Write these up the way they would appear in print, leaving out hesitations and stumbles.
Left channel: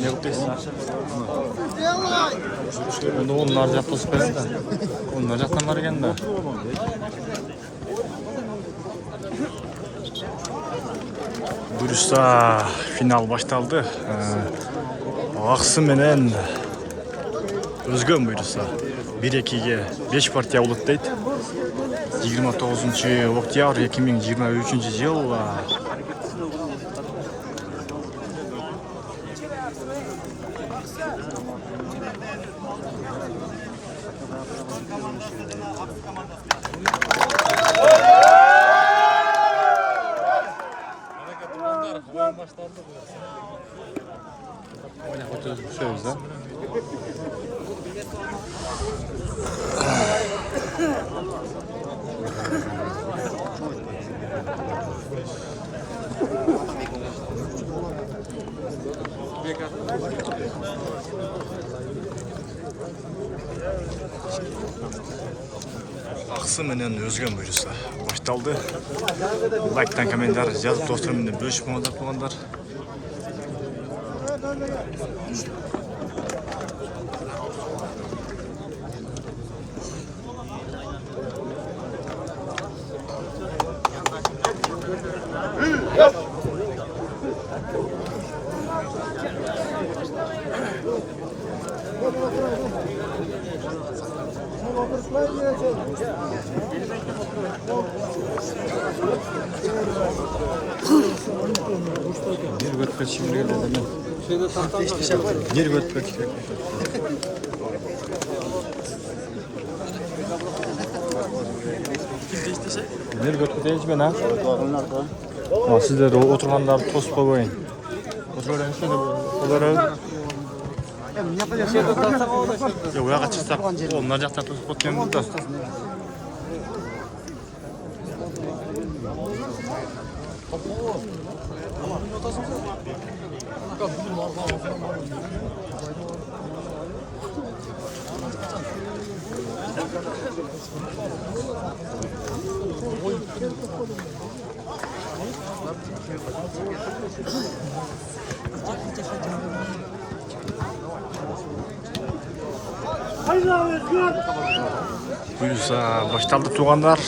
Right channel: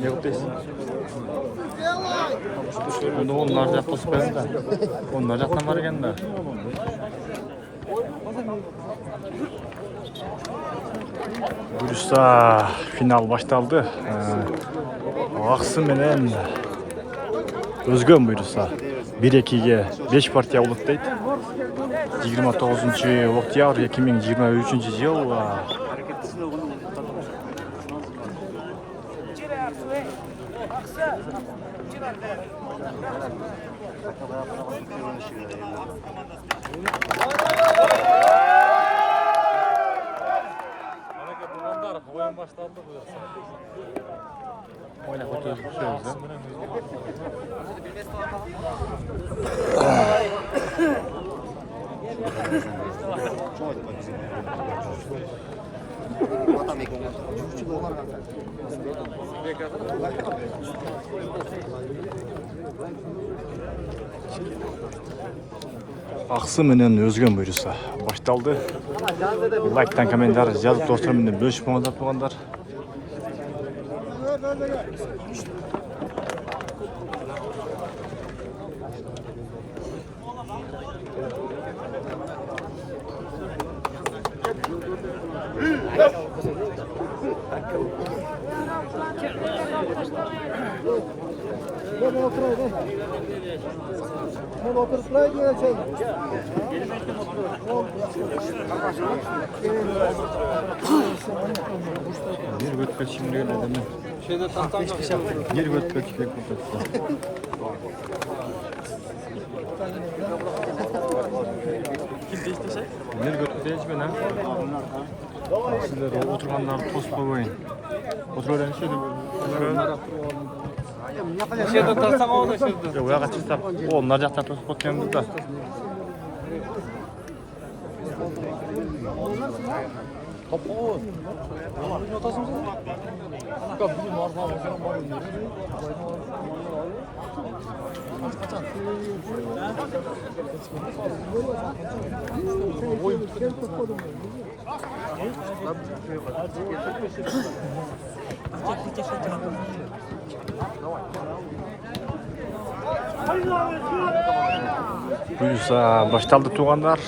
Ne yapıyorsun? Onda onlar jak tosip berdi da. Onlar jaktan var eken da. Buyursa final baştaldı. Aksı menen Özgön buyursa 1-2'ye 5 partiya ulutdaydı. 29 oktyabr 2023 yıl. Oynap oturuyoruz bu sözde. Aksı menen Özgön buyursa baştaldı. Like'tan komentar yazıp dostlarımla bölüşüp oğlanlar. Bir göt şimdi geldi değil mi? Bir göt şimdi. Bir göt değil mi ha? Sizler oturganlar tost koyun. Oturuyorlar işte onlara. Ya uyağa çıksak onlar jakta tost koyuyoruz da. Buyursa baştaldı tuğanlar.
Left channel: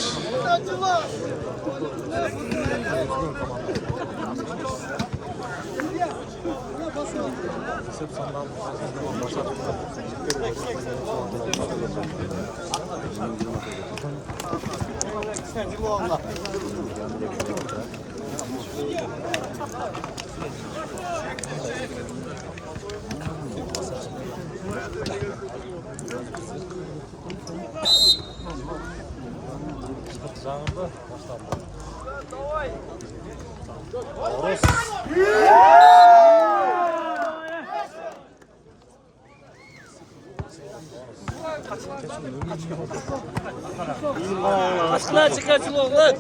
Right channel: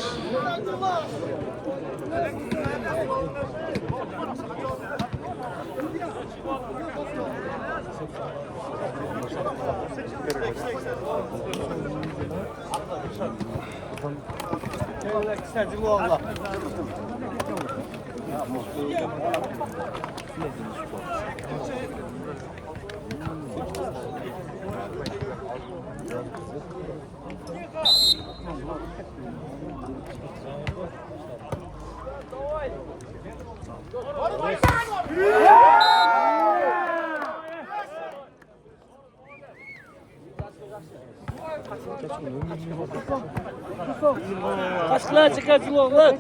Başına çıkarsın oğlan.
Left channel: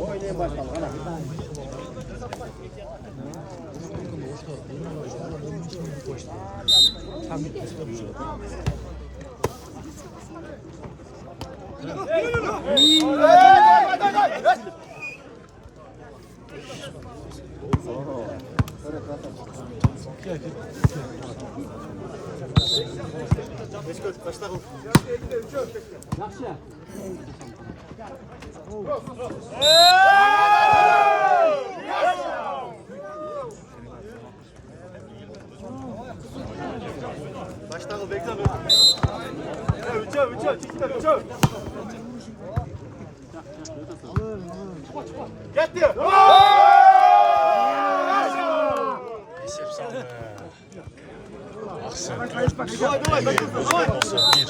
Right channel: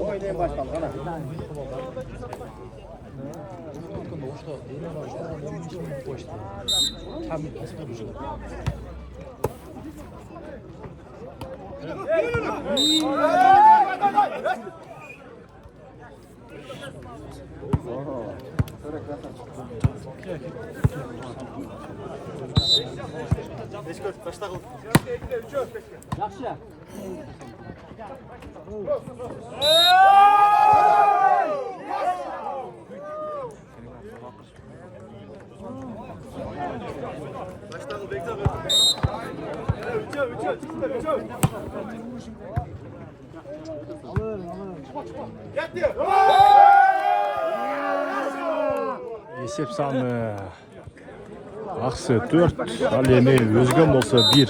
Oynayın başlayalım. Esep sağlığı. Aksı 4, Aliye'nin Özgün olsa 1.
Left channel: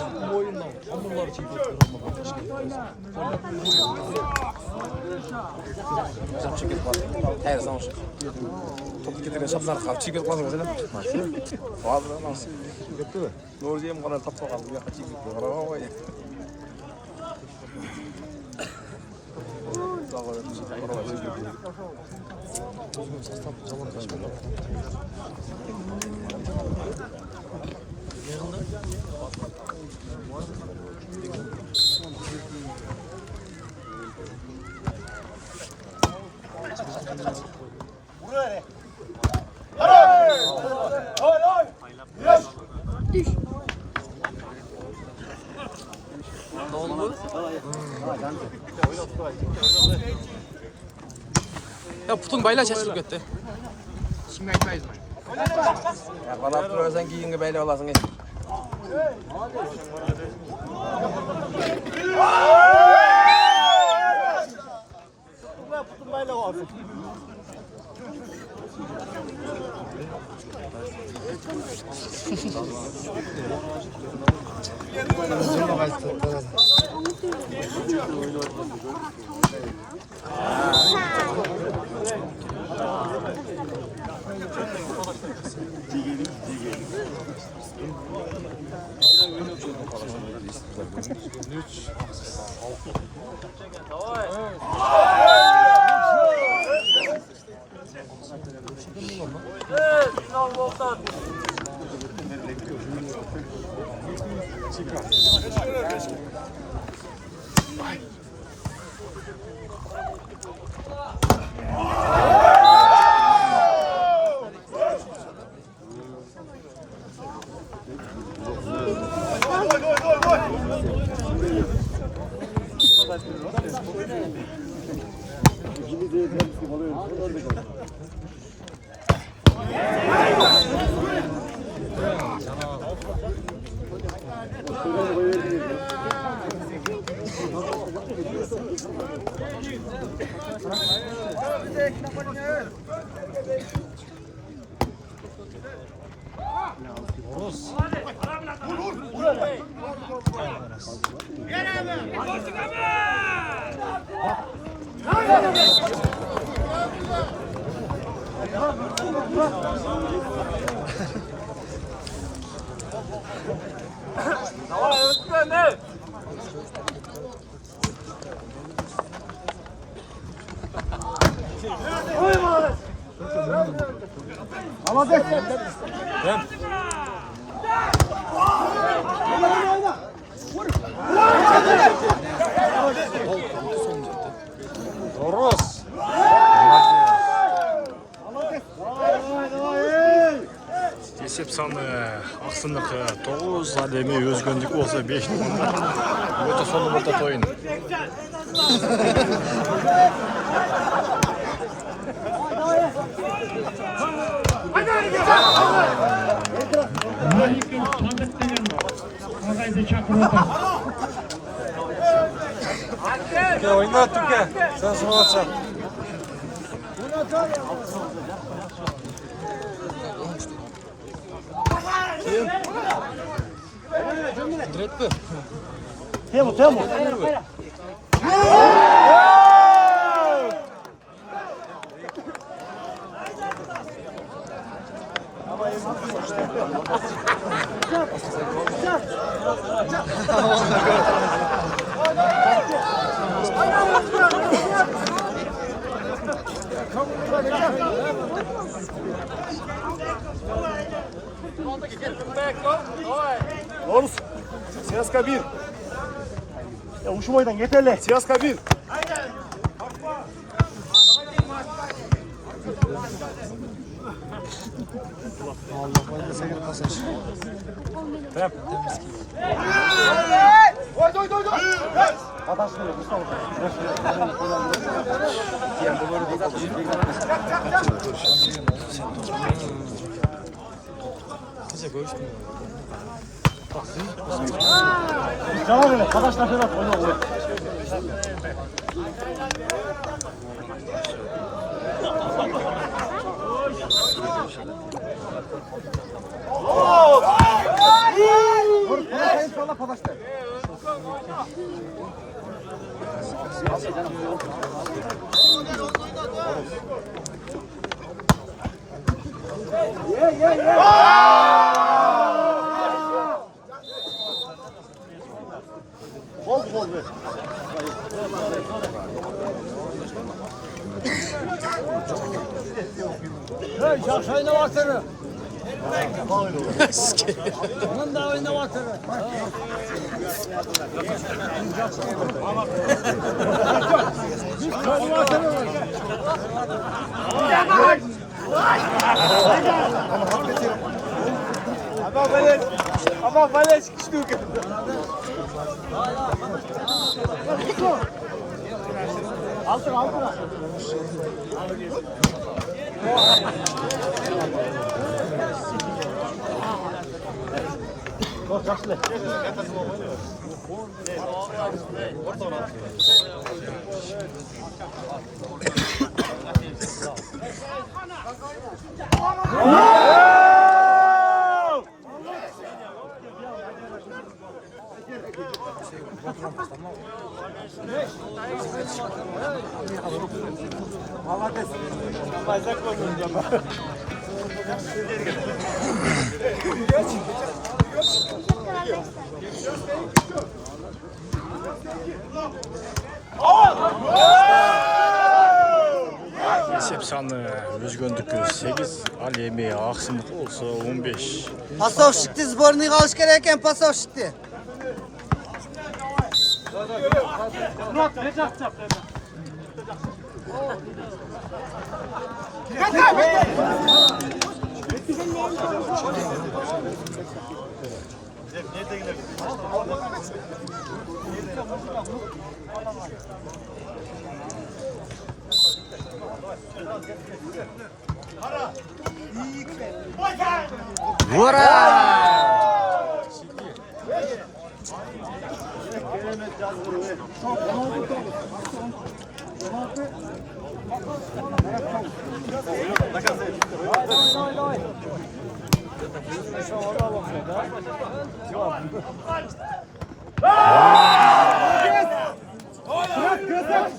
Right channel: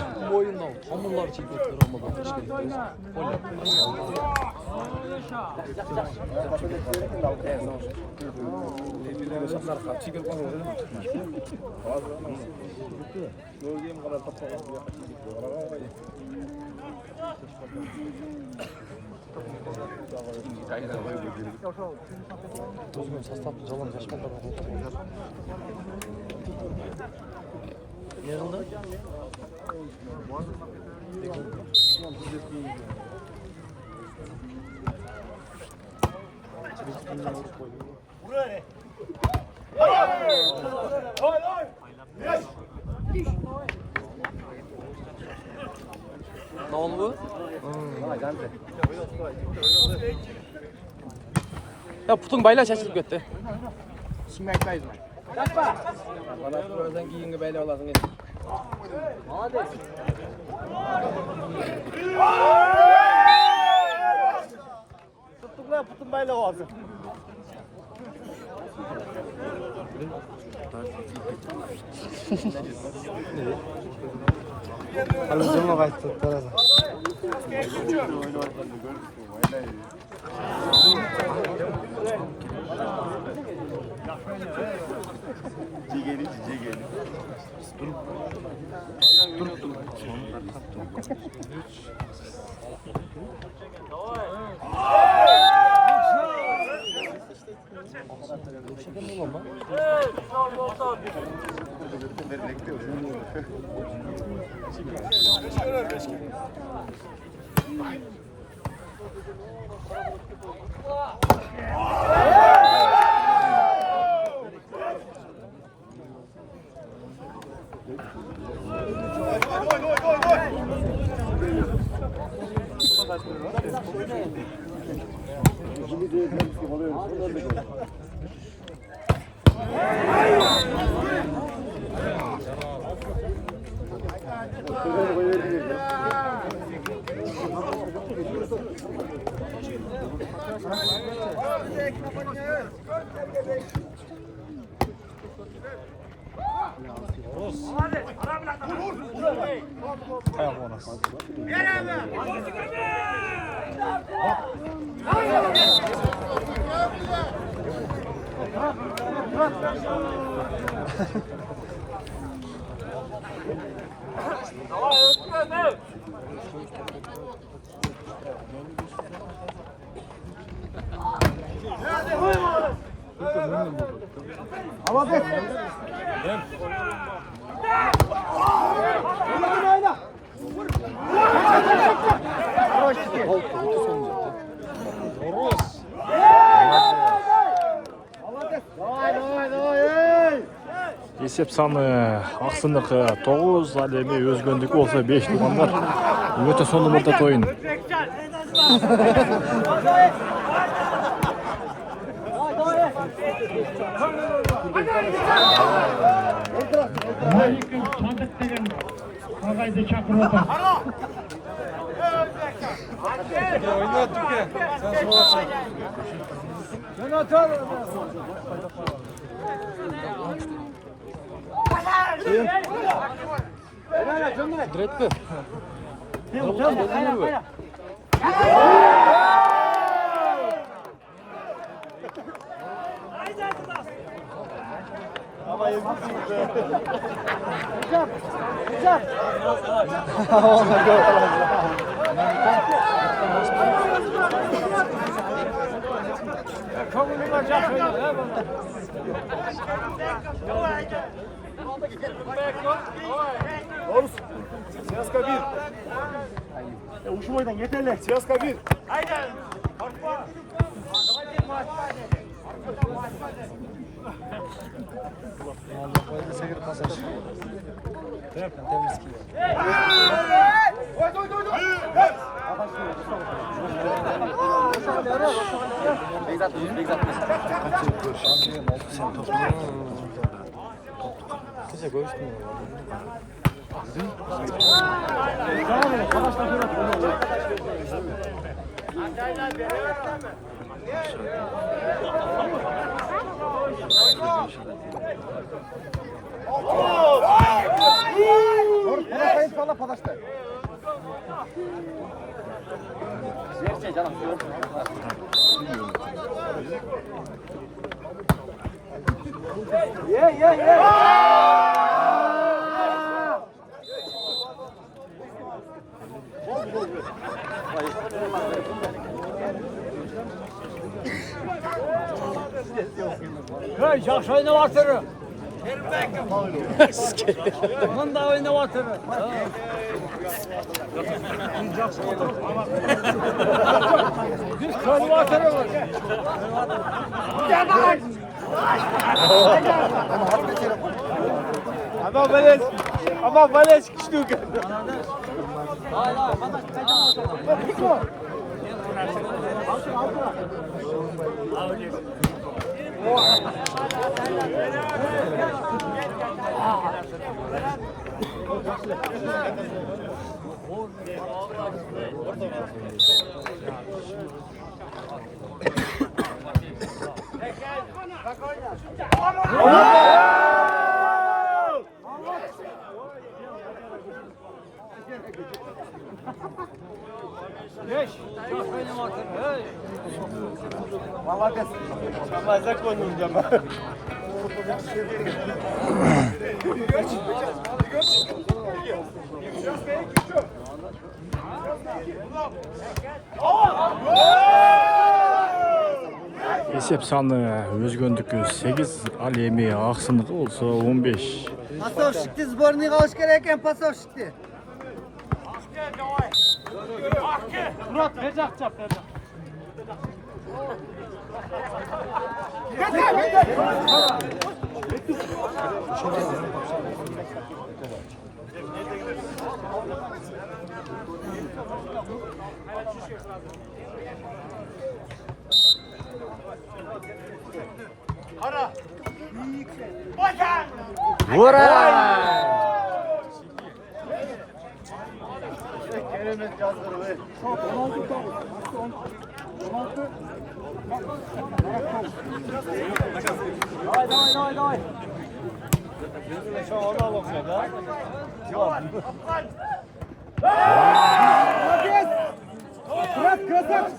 야 보통 말라 잘 쓰겠대. Bana Abdülaziz'den giyinge böyle olasın. Есеп саны Ақсыныкі 9, Әлеме Өзгөндікі болса 5 туғандар. Өте соны орта тойын. Oyna Türkiye. Sen sıvılatsın. Temo. Oğuz, Siyaska 1. Ya uşum oydan yeterli. Siyaska 1. Allah bayılır sekir pasaj. Devam edelim. Arkadaşlar Ferhat oyna. Doğru, kayıp salla arkadaşlar. Esep sаны өзгөндүкү 8, ал эми аксындыкы болсо 15. Пасовщикти сборныйга алыш керек экен, пасовщикти. Murat beri jaq çap, beri jaq. Keremet yazgırı ve. Çok 16 tavuk. 16. Давай. Bırak gözüm.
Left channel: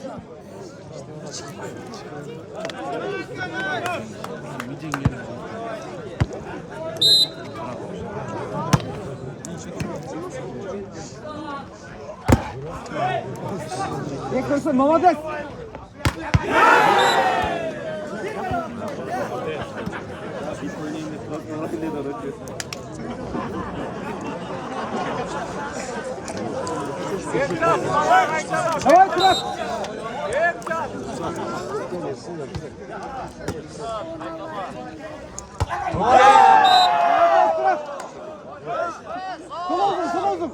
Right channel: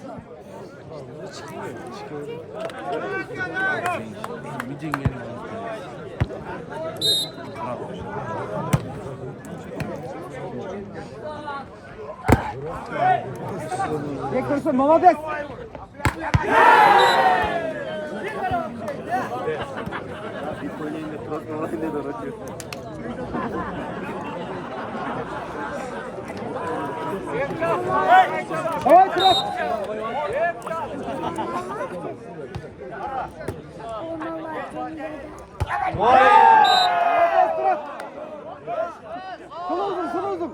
Bekliyorsun, молодец. Давай, Крас! Молодец, Крас! Sol oldum.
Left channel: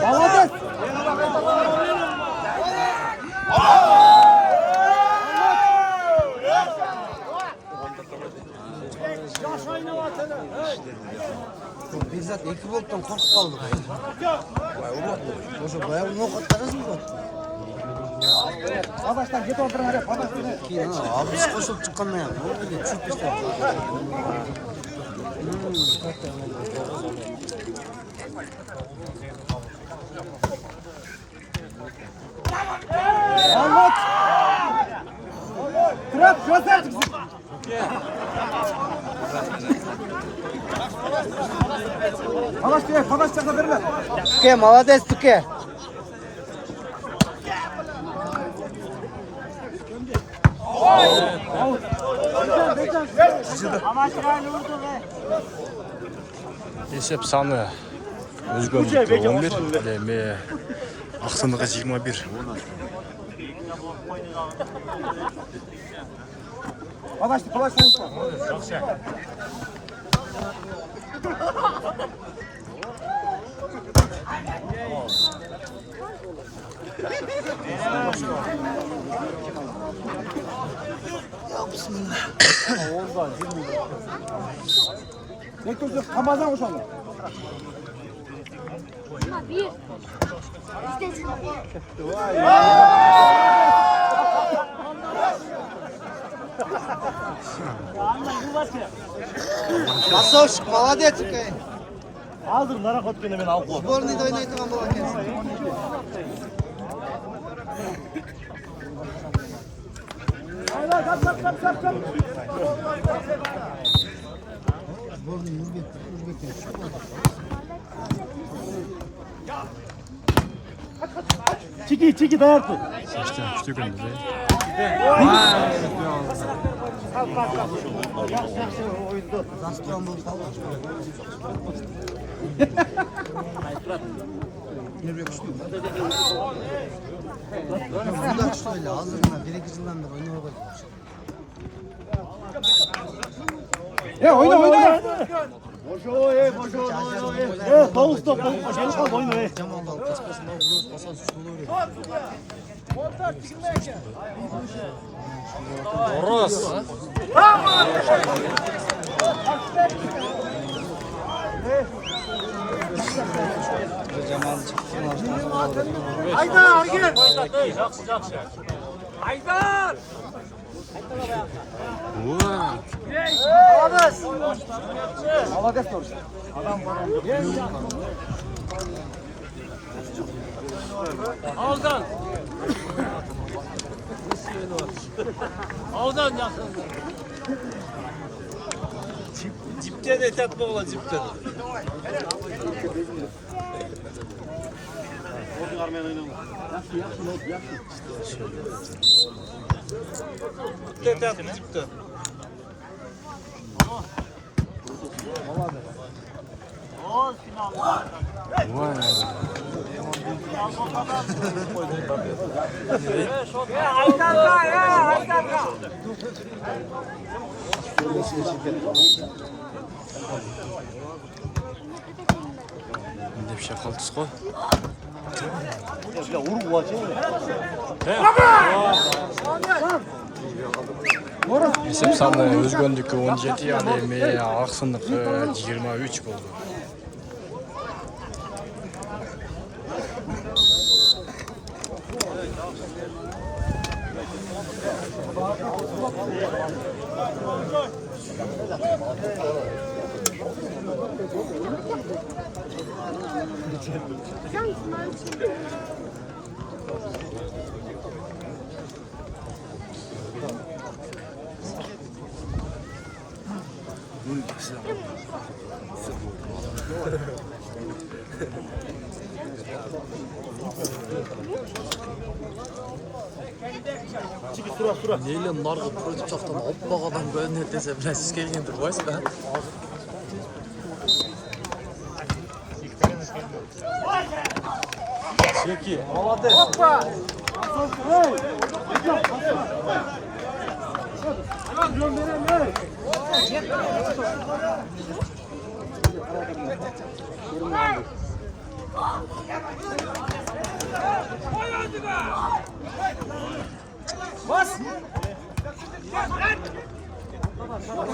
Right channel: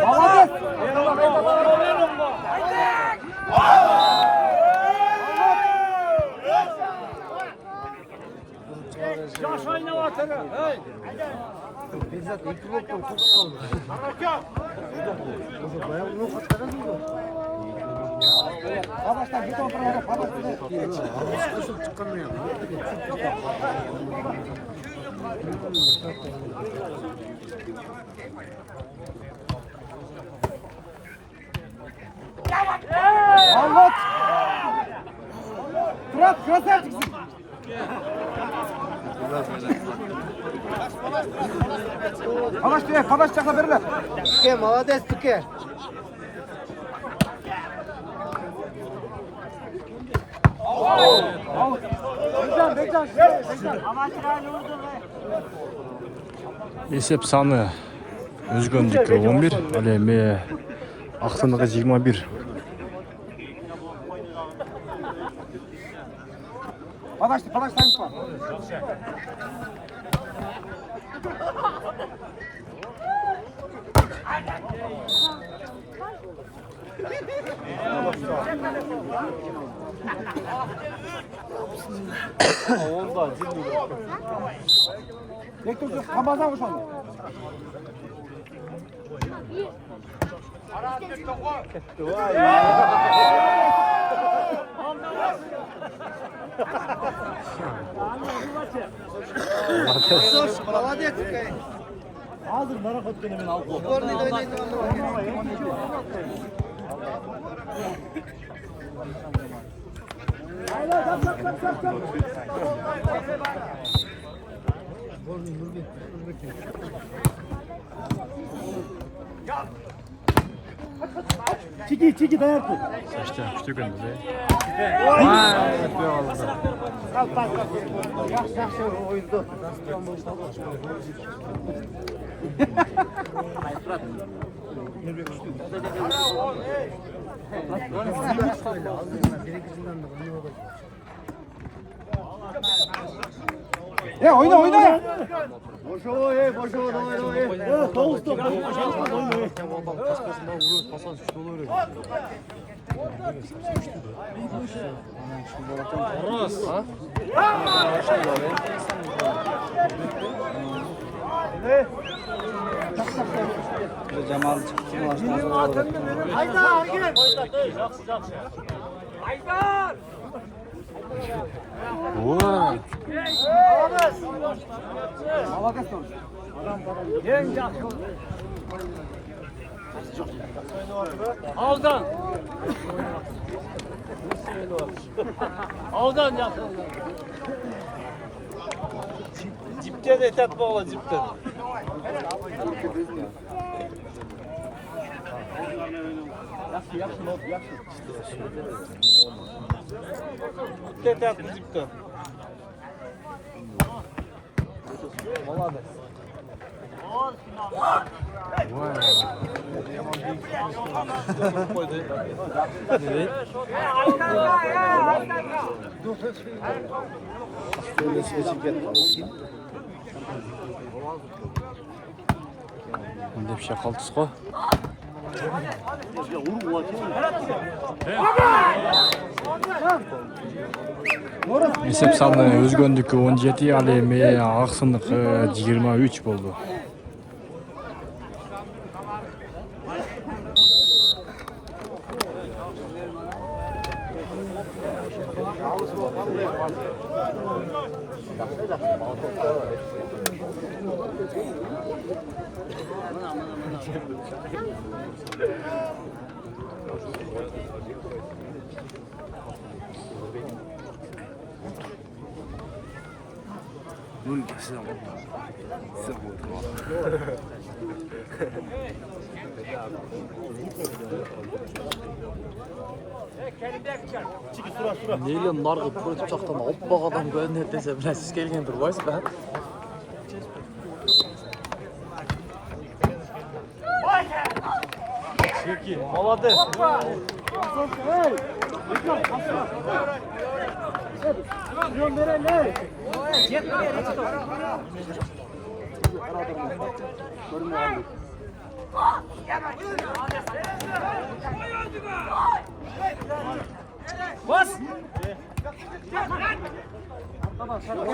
Молодец! Бекзат 2 болттан коркуп калды го. Ошо баягы ноокат карасыңбы? Adaştan git oturun hele, adaştan. Кийин абыз кошулуп чыккандан кийин ноокатка түшүп таштап. Anlat! Fırat, красавчикsin! Palaş çakla verirler. Туке, молодец, Туке. Esep sаны өзгөндүкү 11, ал эми аксындыкы 21. Palaş tanışma. Bekle dur. Kamazan hoş oldu. Bir. Asos, молодец. Hazır merak etme hemen al koy. Sborный ойнайды Hayla kap. Sborный Нурбек. Çiki dayak tut. Saçtan küçük önde be. Vay, etmeye aldı. Yaxşı oyundu. Oyna. Boşo, boşo. Davuz top. Gel kaldı oyna. Oros. Vay. Молодец тоже. Cipten etek bağla cipten. Yaxşı, not, yaxşı. Cipten cipten. Vay. Şimdi bir şey kaltısı koy. Ya vur bu açı. Esep sani özgöndükü 17 ademeye aksınlık 23 oldu. Çiki sura. Neyle nargı projektaftan hoppağadan görünür dese bilen siz gelgen durbaysın ha? Çeki. Молодец.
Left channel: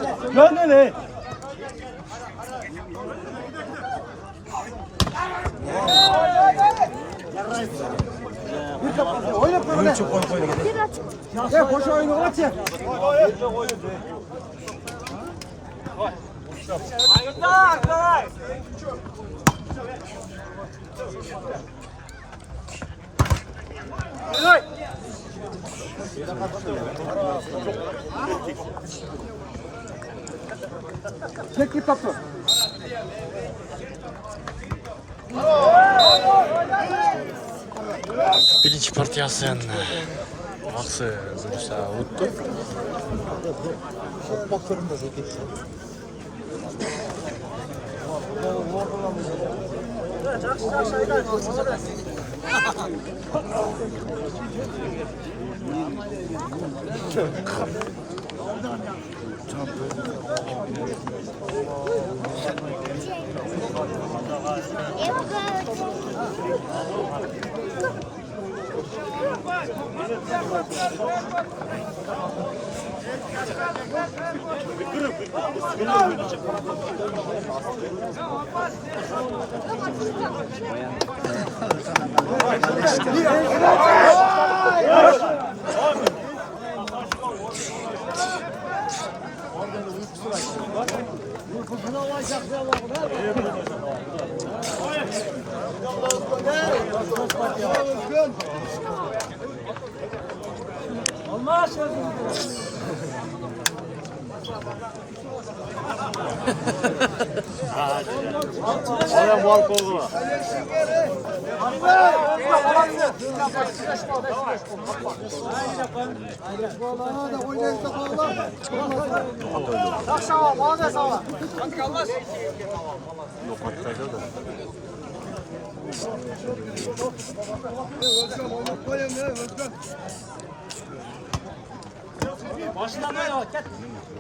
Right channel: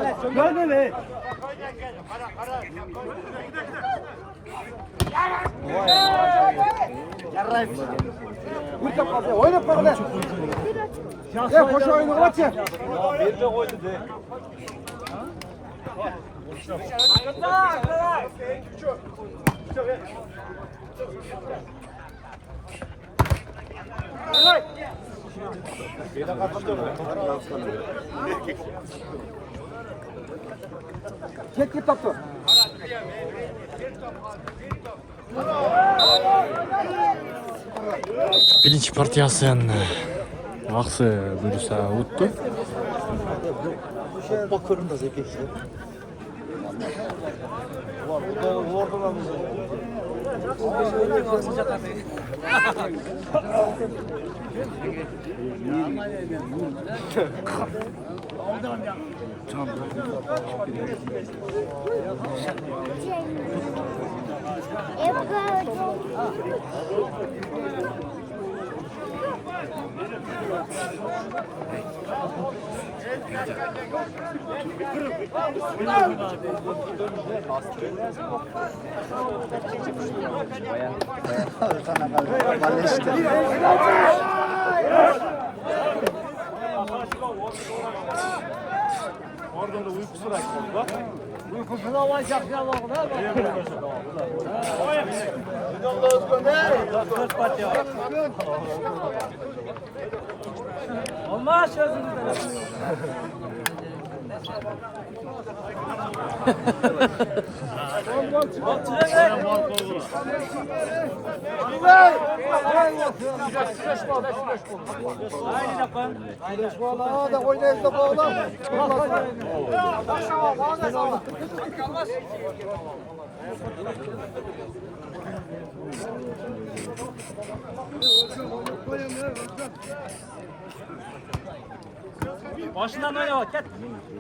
Ne? Bir kapı. Oyna parada. Ya boş oyunu aç ya. Çek git topu. Birinci partiyasın aksı zürüse uttu.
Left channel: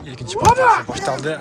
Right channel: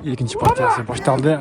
İkinci partiyası başladı.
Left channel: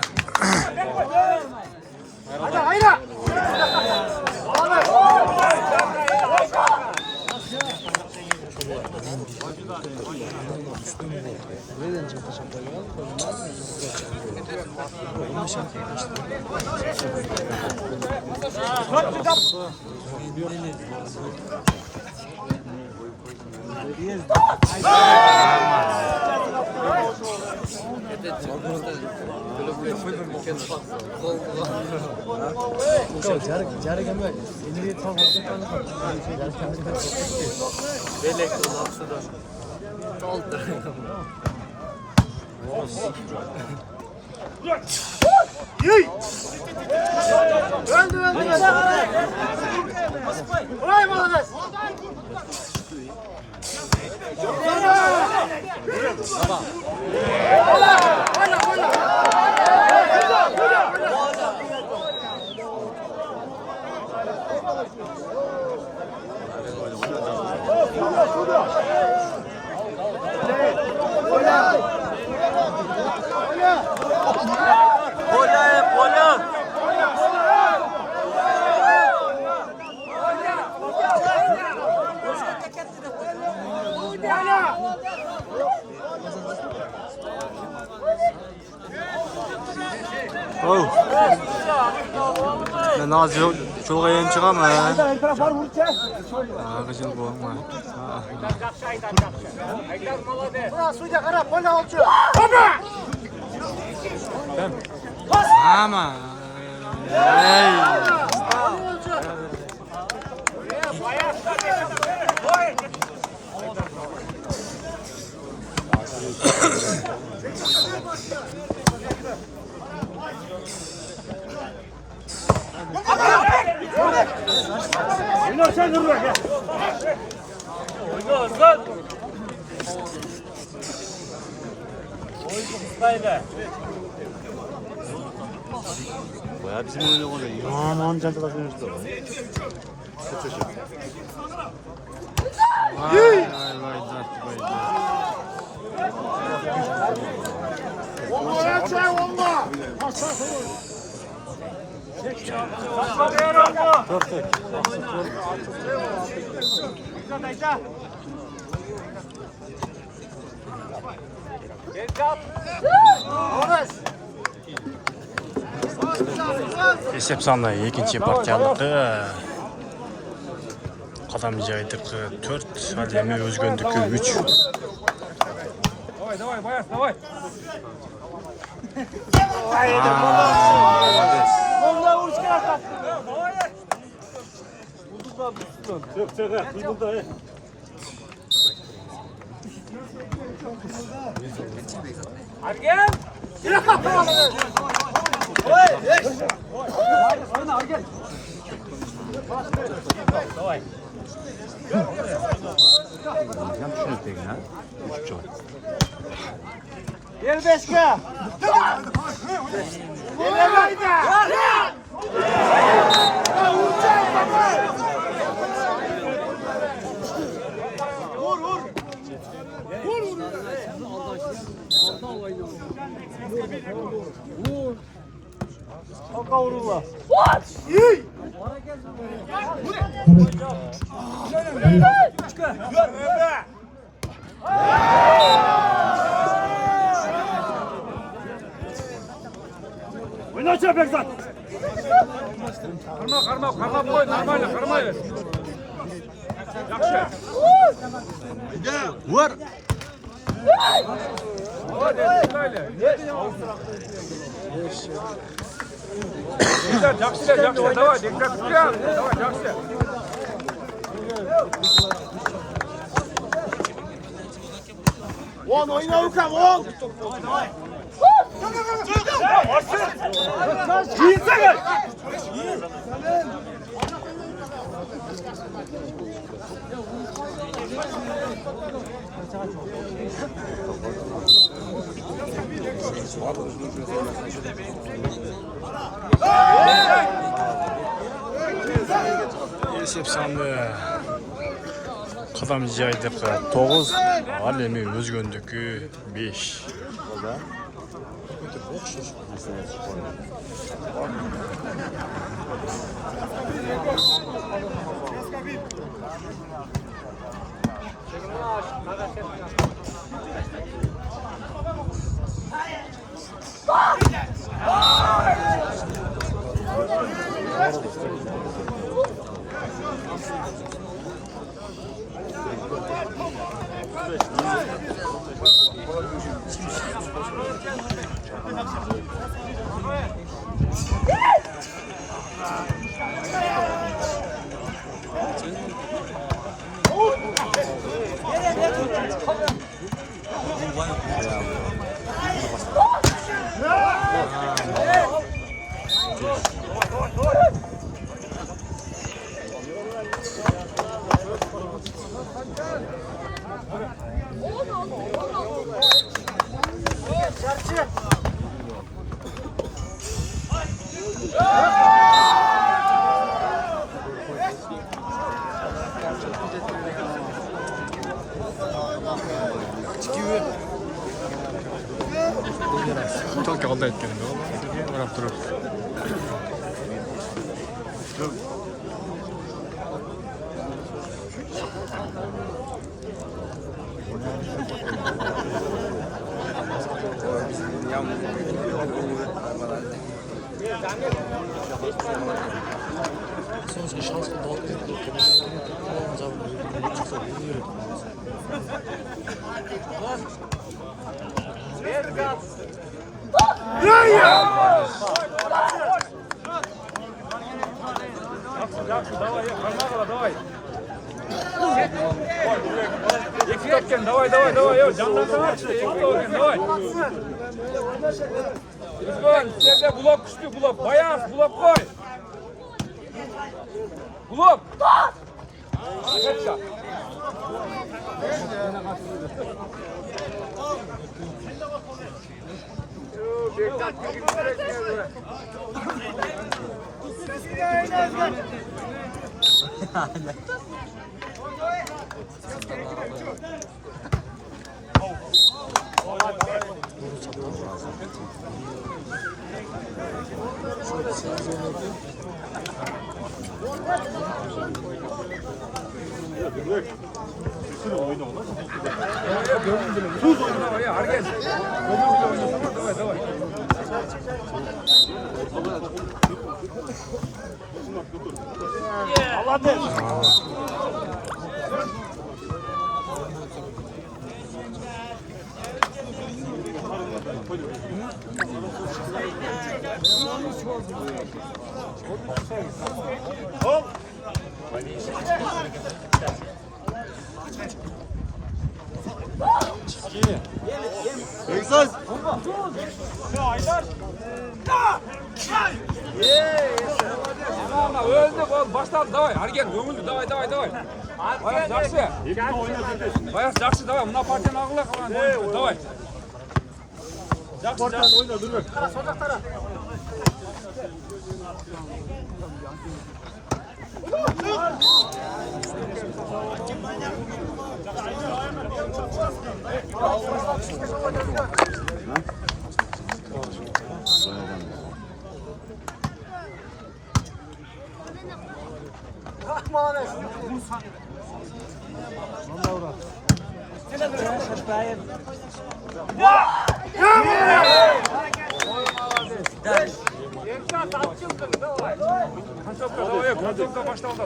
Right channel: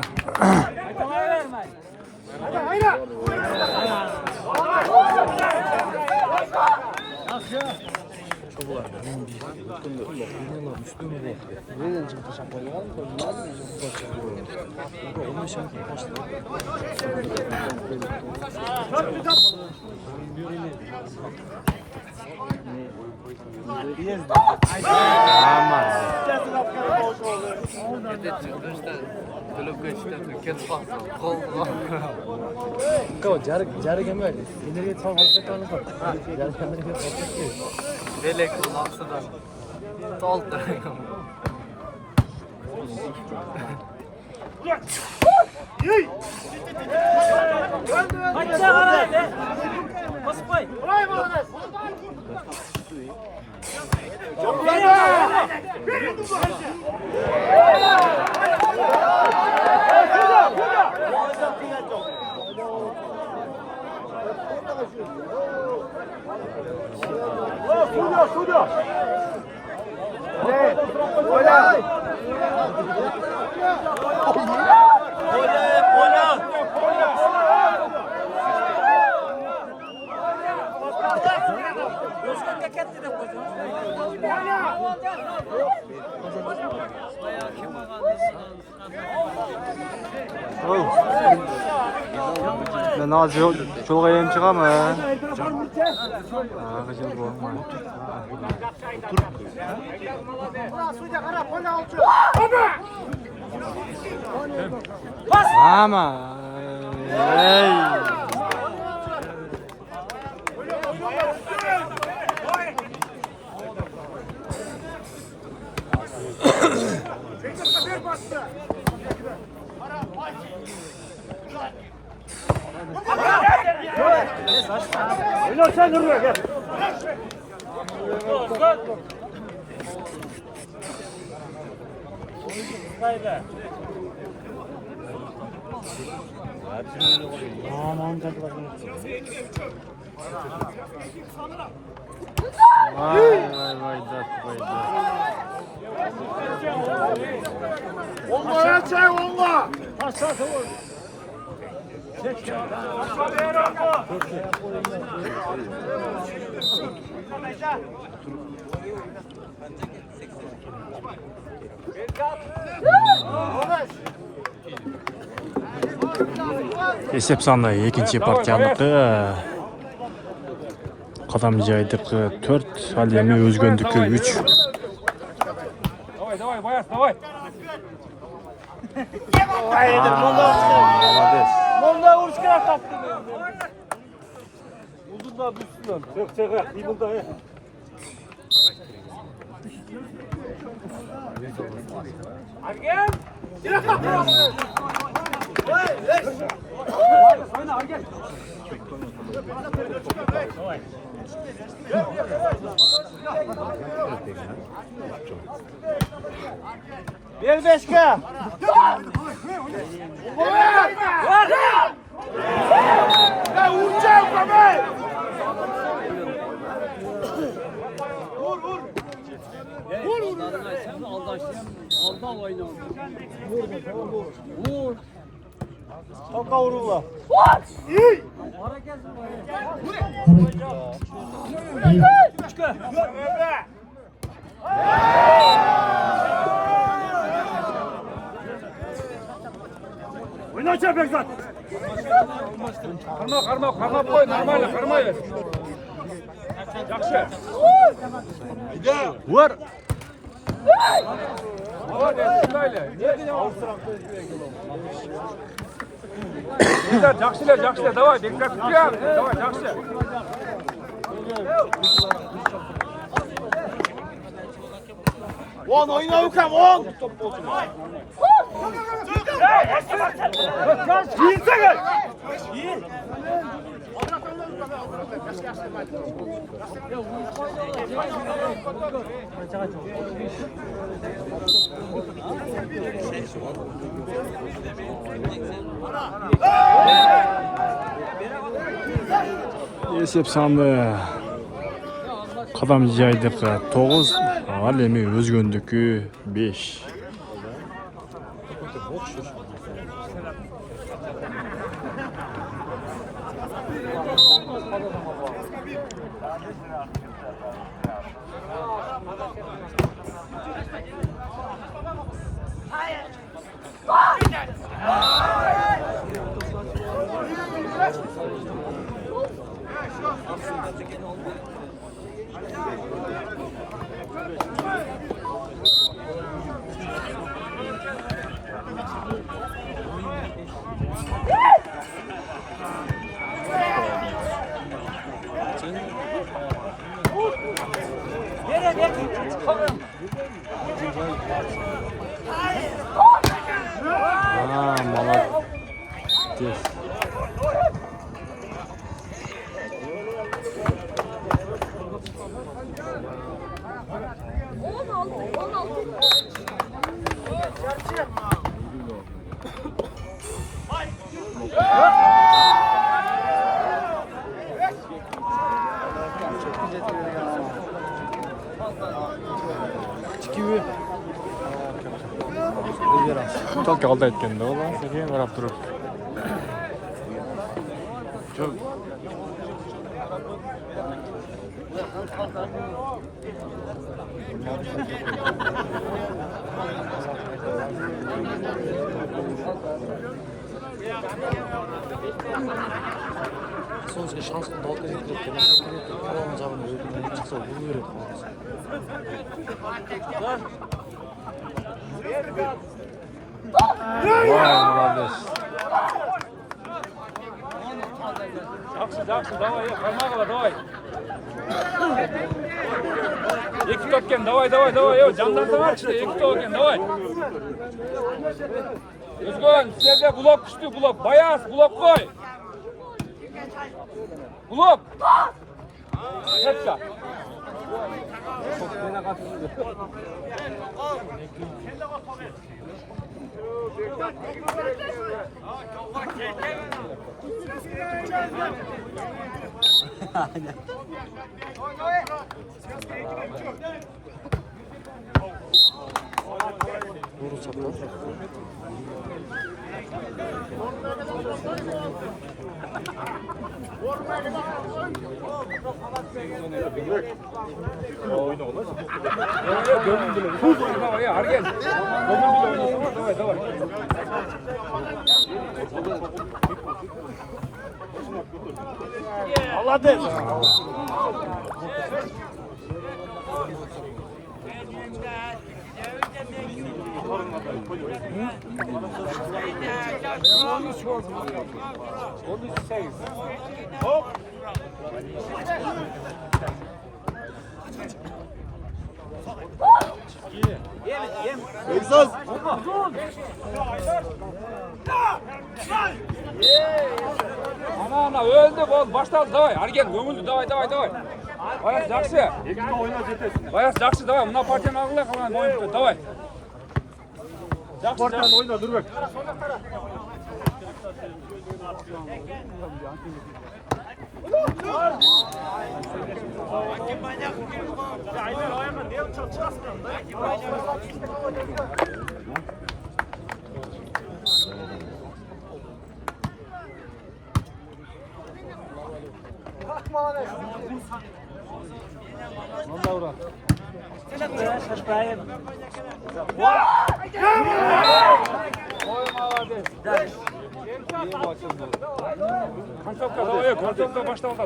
Oh. Ben az çok ayın çıkam ha. Kıcıl boğma. Ama. Hey. Oynar sen dur gel. Aman can çalışıyoruz. Vay zat vay zat. Olma çay olma. Resepsiyonda ikinci partiyanlıkta kazanmayacaktık 4 halemi özgöndük 3. Молодец. Çık çık. Bir bunda. Bir beşke. Oyna aşağı Bekzat. Vur. Yiğitsene. Esep sandı. Qadam jaydıqı 9, al endi Özgöndükü 5. Çok aldı etkende o lan. Seni varap durup. Kulak düştü kulak. Bayağı kulak koy. Kulak. Bekzat. Öldü bol başladı davay. Hareket ömüldü davay. Bayağı jakşı. Ekipte oyna Cetes. Bayağı jakşı davay. Mına partiyanın ağırlığa kalan davay. Sporttan oyna dur bak.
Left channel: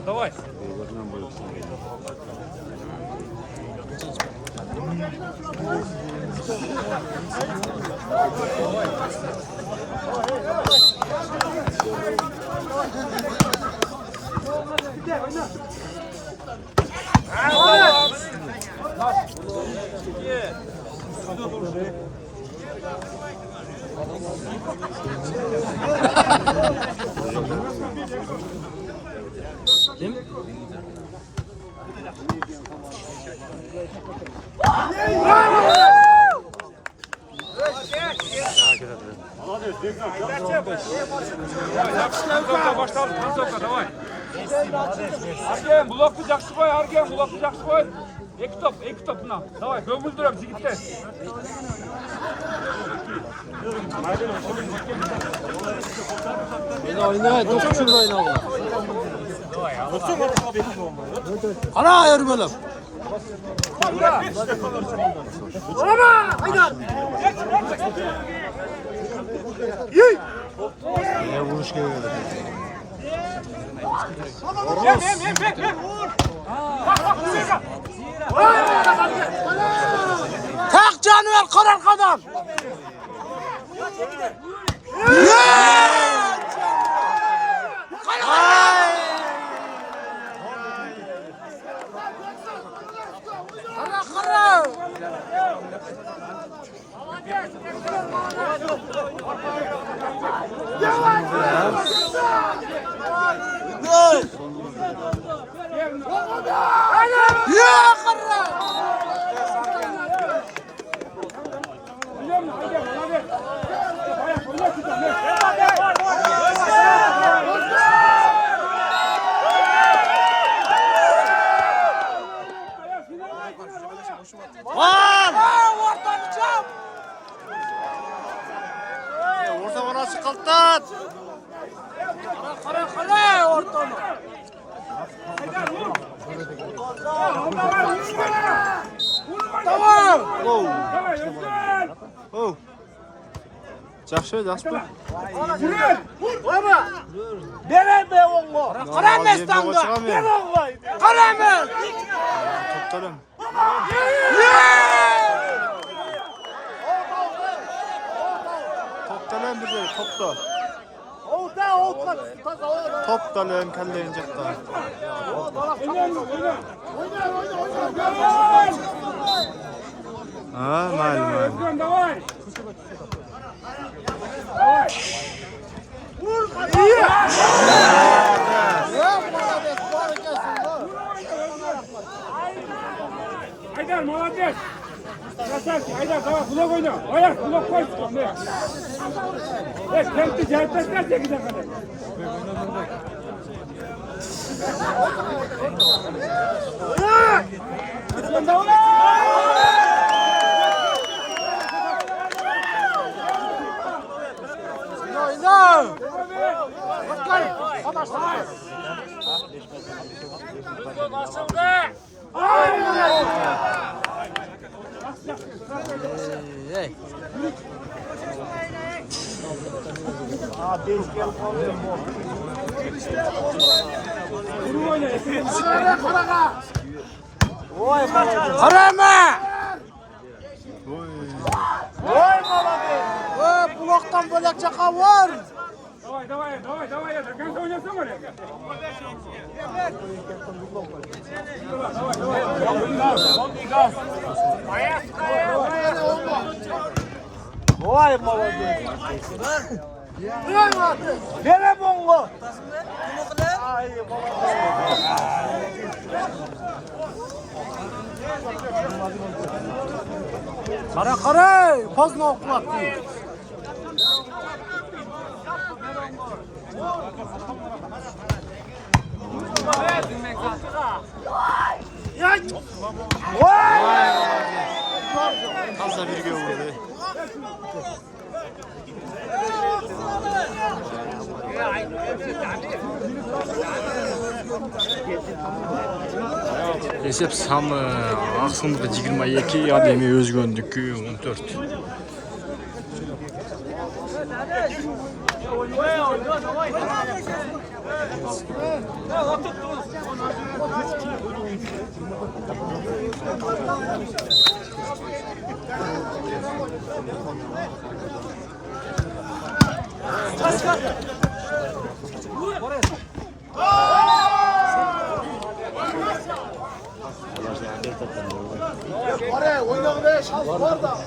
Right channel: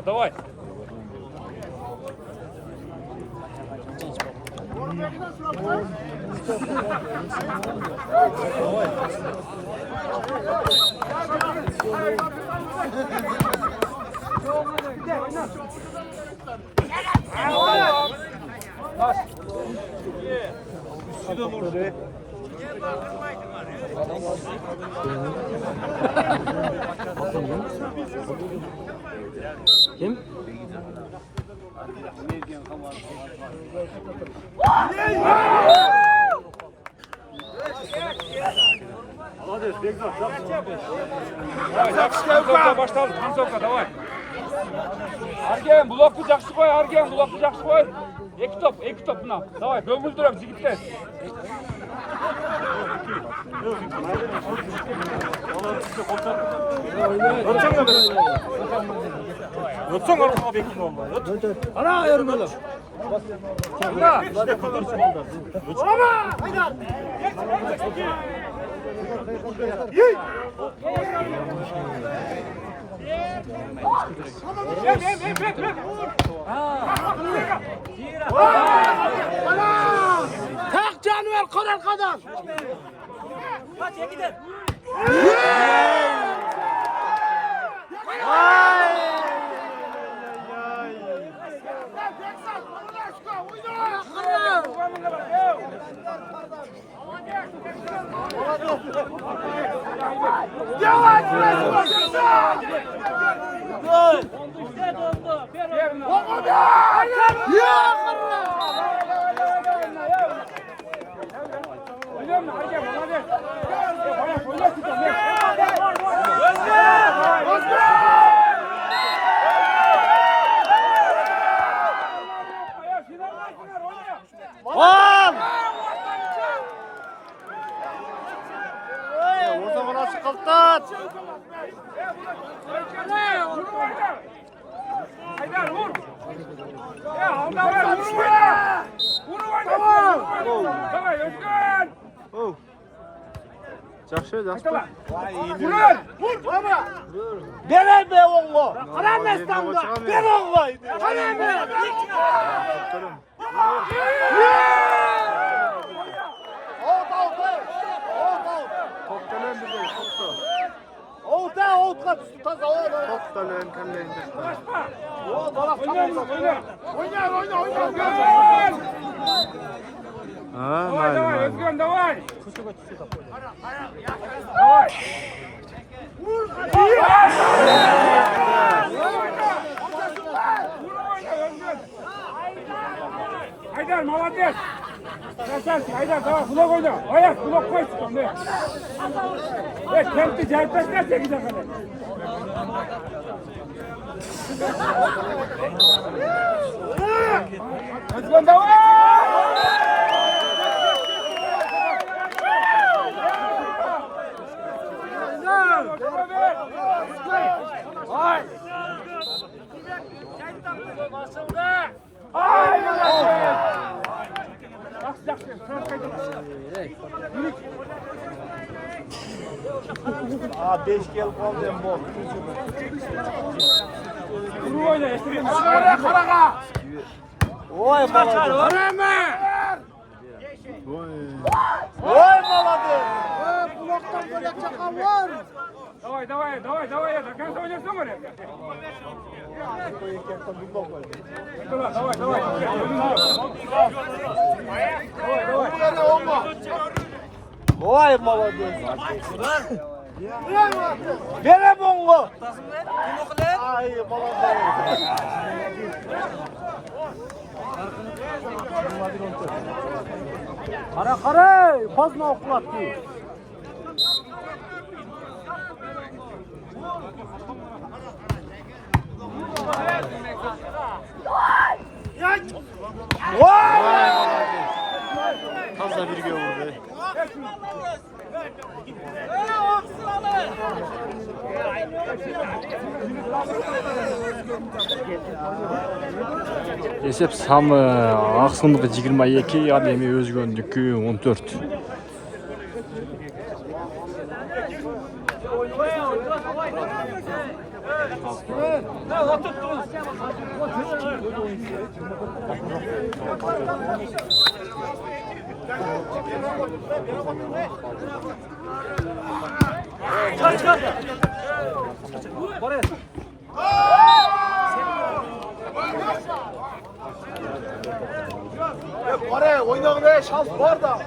Давай. Başlar. Давай. Ergen bloklu жақсы қой, Ergen bloklu жақсы қой. Екі топ мына. Давай, бөгілдіріп жігіттер. Ana ayırmalım. Tak canavar karar kadar. Orta bana çıkarttın. Kara ortamı. Tamam. Oh. Жақсы, жақсы. Karamestanda. Karamest. Toplarım. Toptalım bir de, topta. Toptalım, kelleyin cakta. Ha, malum. Давай. Haydar, молодец. Красавчик, Haydar, давай, blok oyna. Ayak, blok koy çıkan ne? Kenti çarpışlar çekecek kadar. Aslan давай! Karama! Oy. Bloktan böyle çaka var. Давай, давай, sen oynasın oraya. Давай. Oy молодец. Vere bongo. Kara, pozna okulatdı. Vay молодец. Таза birge vurdu. Esep samı Ақсымдық 22, Адеми Өзгөндүкү 14. Oraya oyna be şans var da.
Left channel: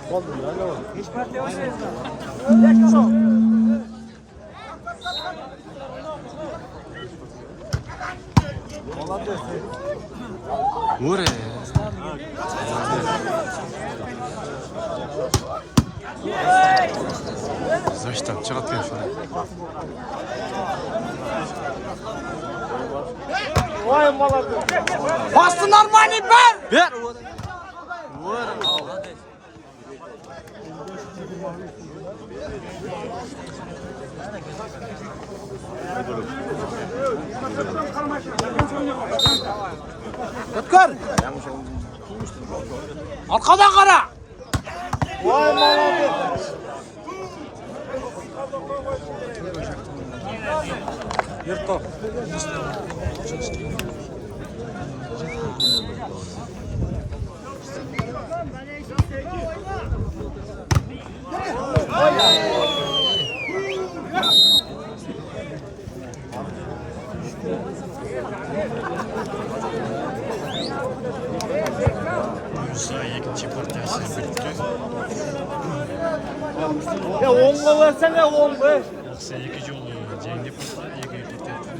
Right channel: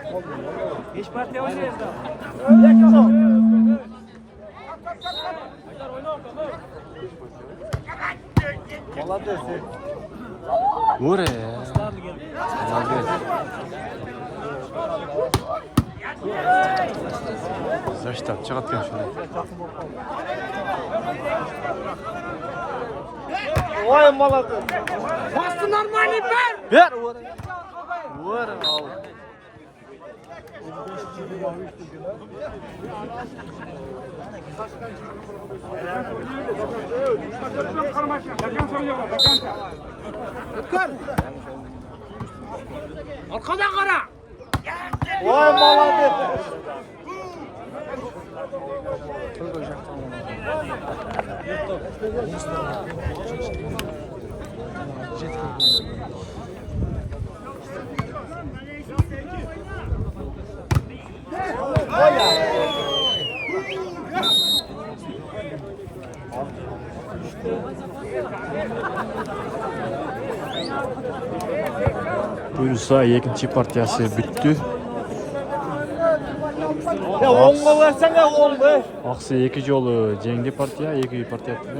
뭐래? Zaştan çıkartıyor şunu. Bastın Armani ver. Ver oraya. Vur al. Tutkar. Arkadan kara. Buyursa ikinci partiyası bitti. Aksa ikinci yolu Cengi partiya, ikinci partiya yaptı.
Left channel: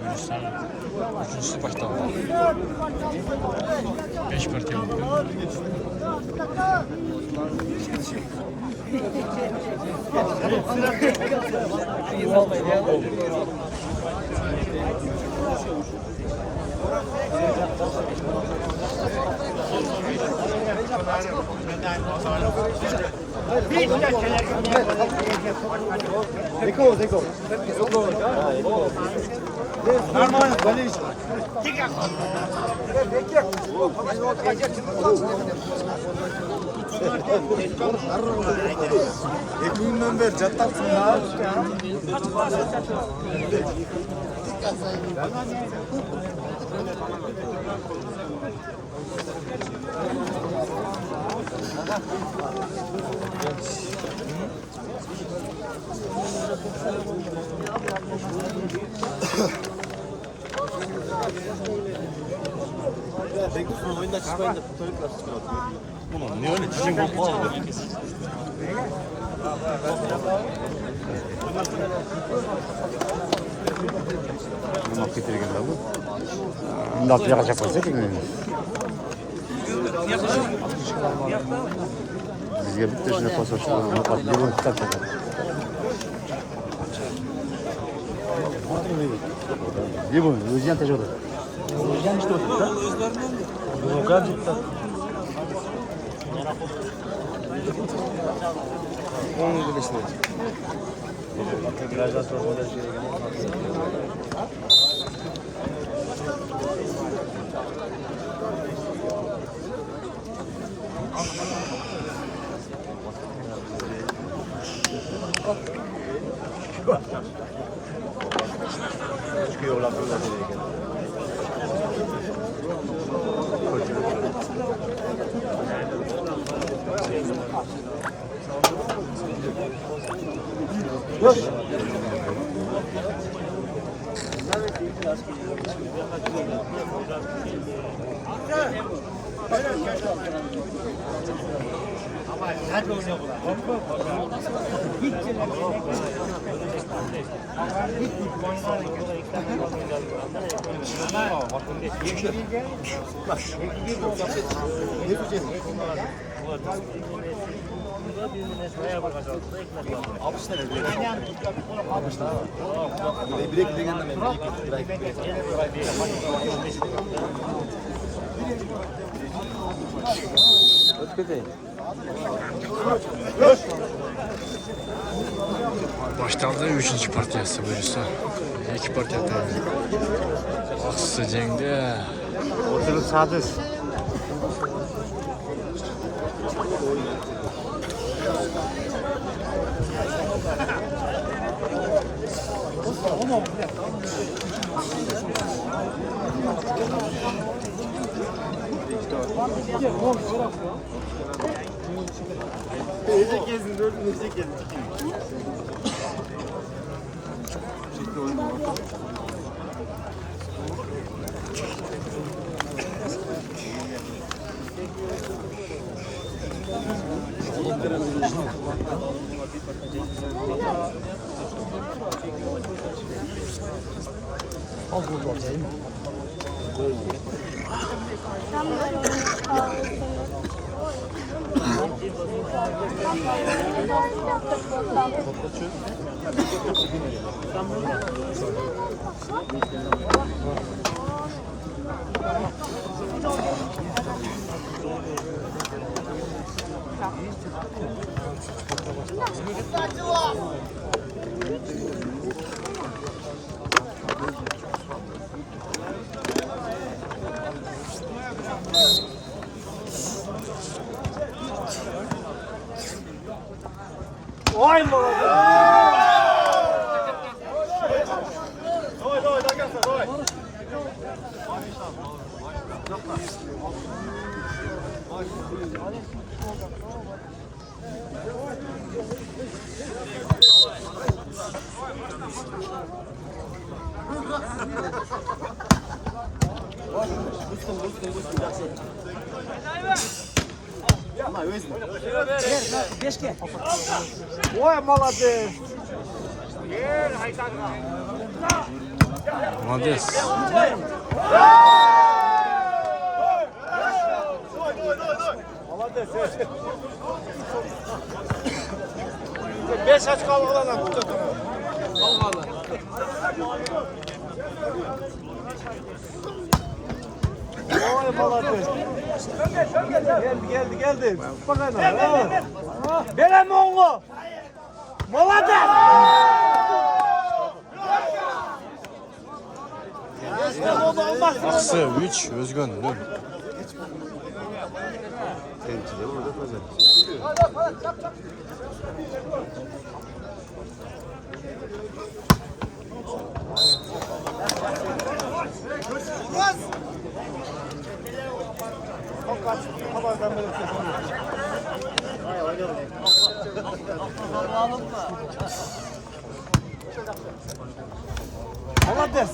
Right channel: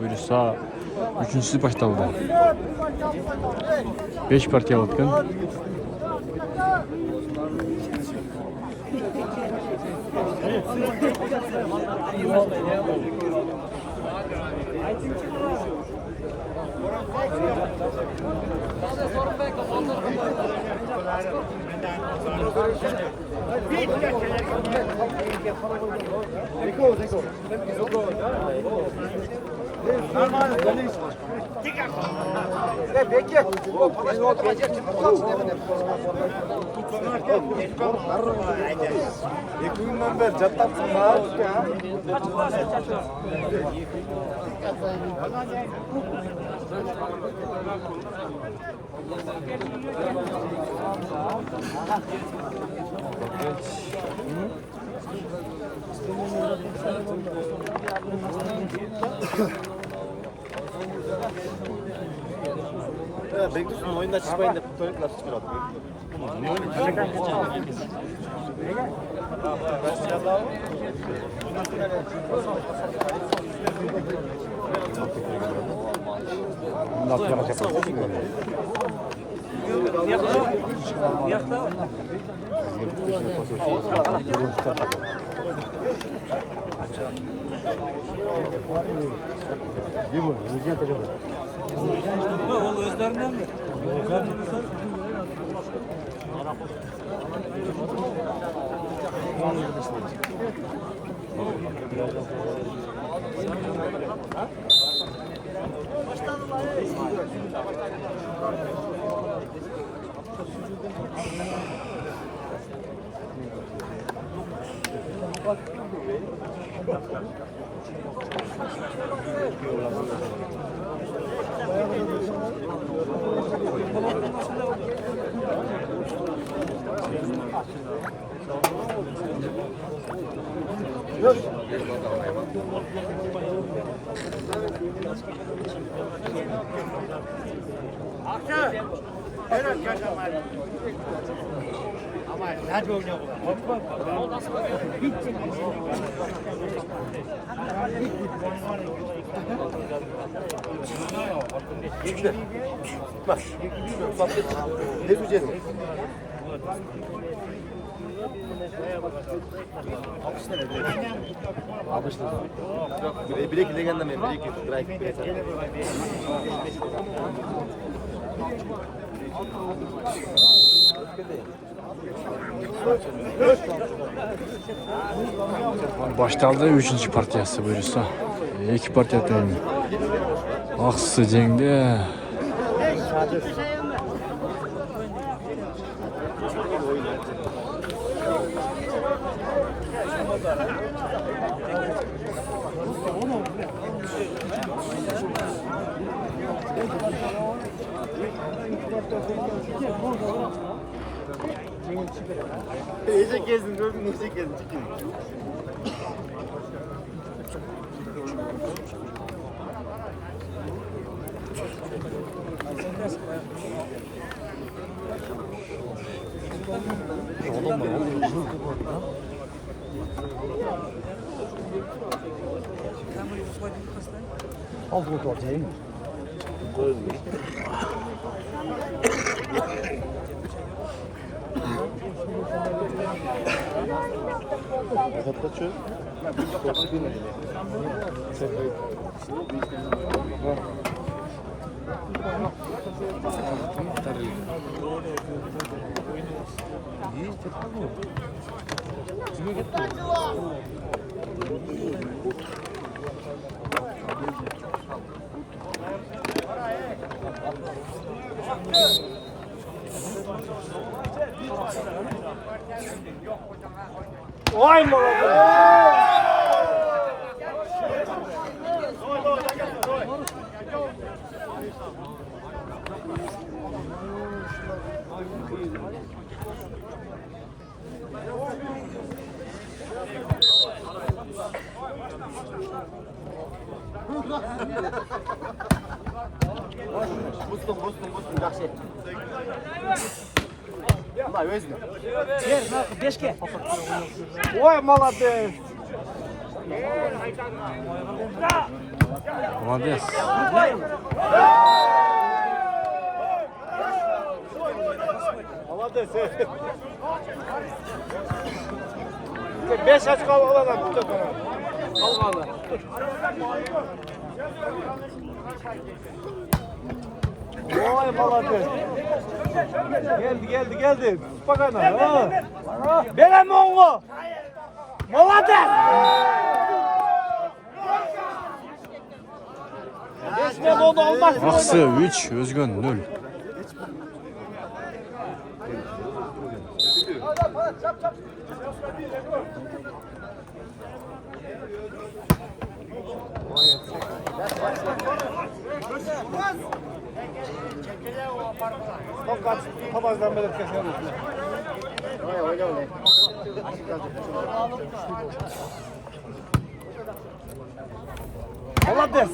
Buyursa üçüncüsü başladı. 5 partiya baktım. Bekliyorsun oyunda çıkmayın da kutuyu nasıl çıkartıyor? Bunu niye öyle dişin Ne yapacak olsun ki? Bizge bitti şimdi pasaj. Yürü tutar. Değil mi? Özcan tecrübe. Ne diyeceğiz? Bilek legenda mı? Baştaldı 3. partiyası buyursa. 2 partiya tendi. Aksa Cengi. Oturup sadır. Nece gezin gördün, nece gezin. Bustum, жақсы. Ма, өзім. Бешке. Ой, молодец. Молодец. Beş açık algılanan tuttu. Geldi. Bakalım. Benim oğlu. Молодец. Aksı 3, Özgün 0. Çap. Молодец.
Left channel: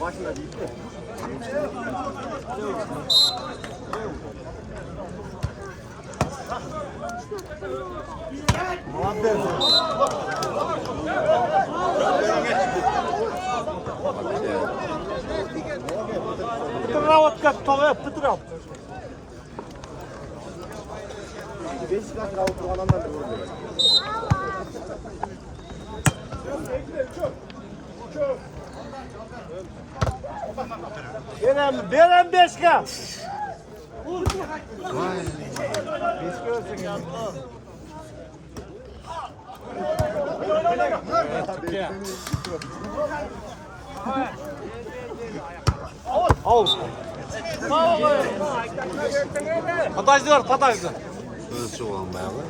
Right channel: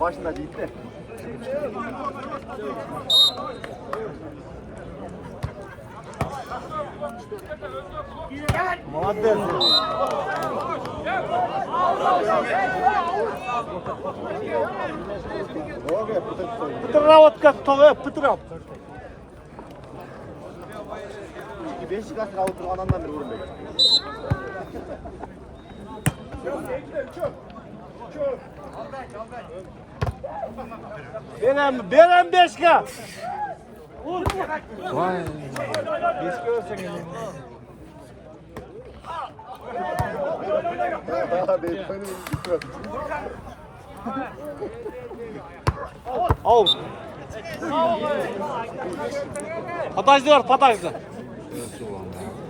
Başına gitti. Петровод как то, Петров. Benim beşke. Vay. Pataycılar. Çok olmaya var.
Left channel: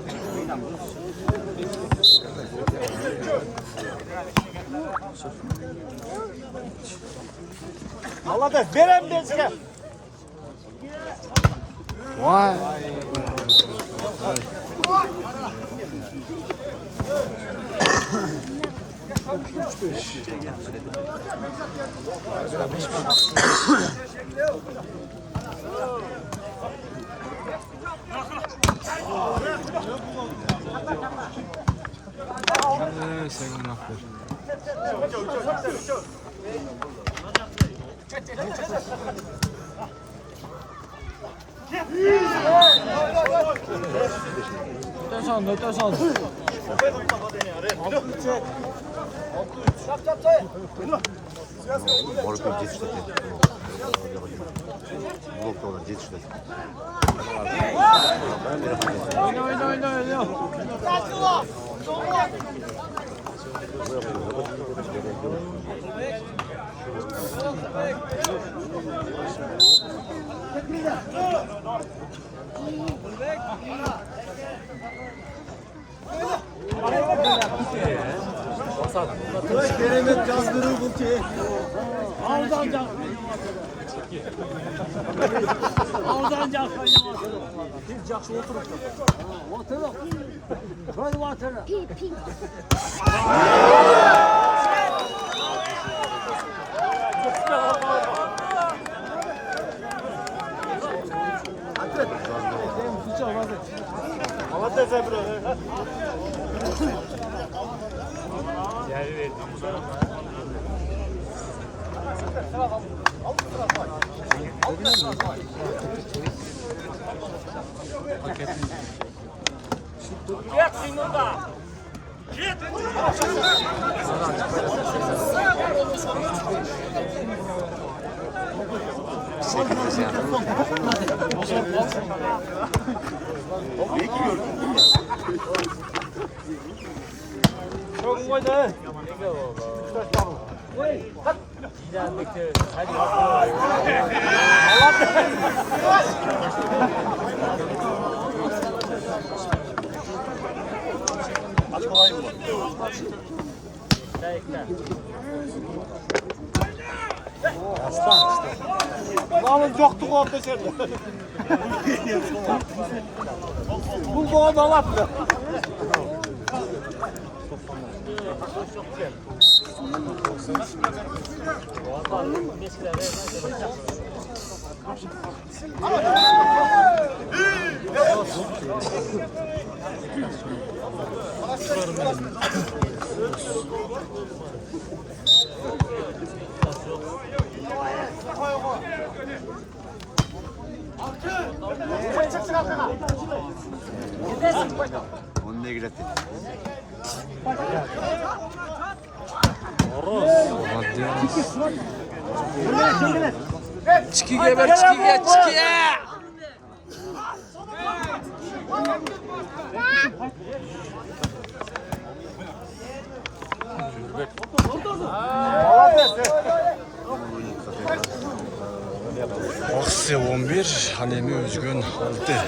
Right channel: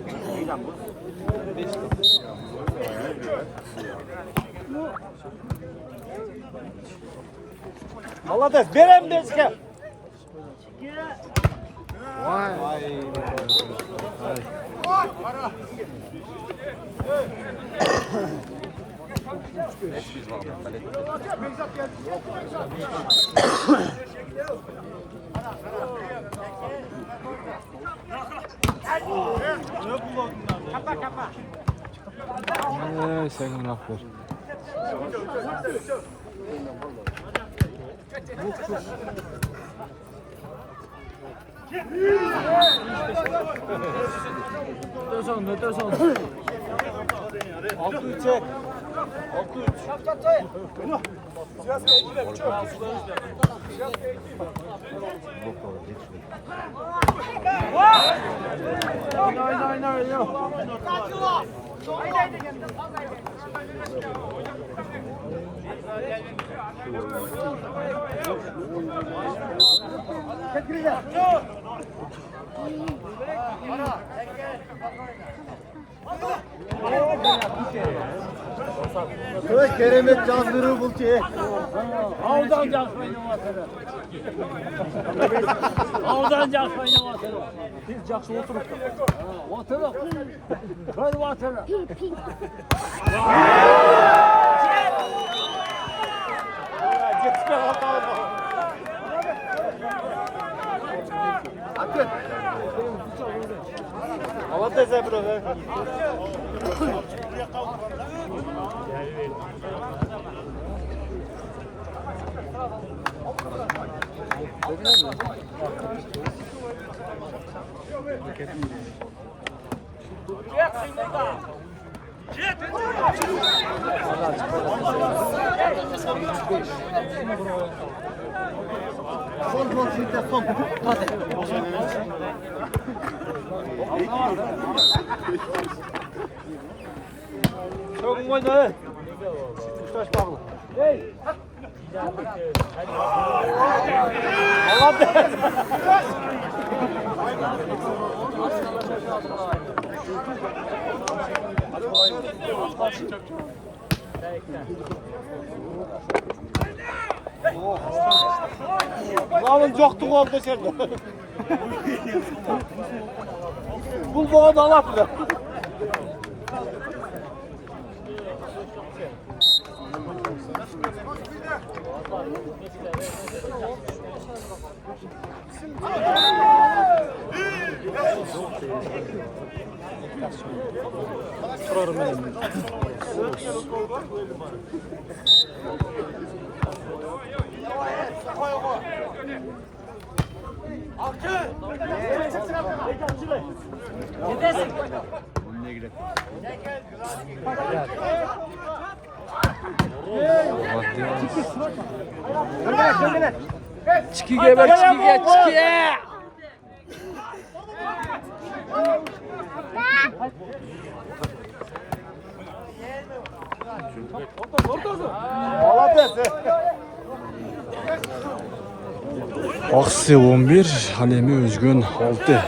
Молодец, benim beşke. Vay. Senin aferin. Öte Çap. Orada geçti. Bloklar geçti. Oyna. Keremet cazdırı bul ki. Yalnız yoktu orada sen. Bu bana da alattı. Çikiye ver çikiye çikiye. Aksı 11, Halemi Özgün 6.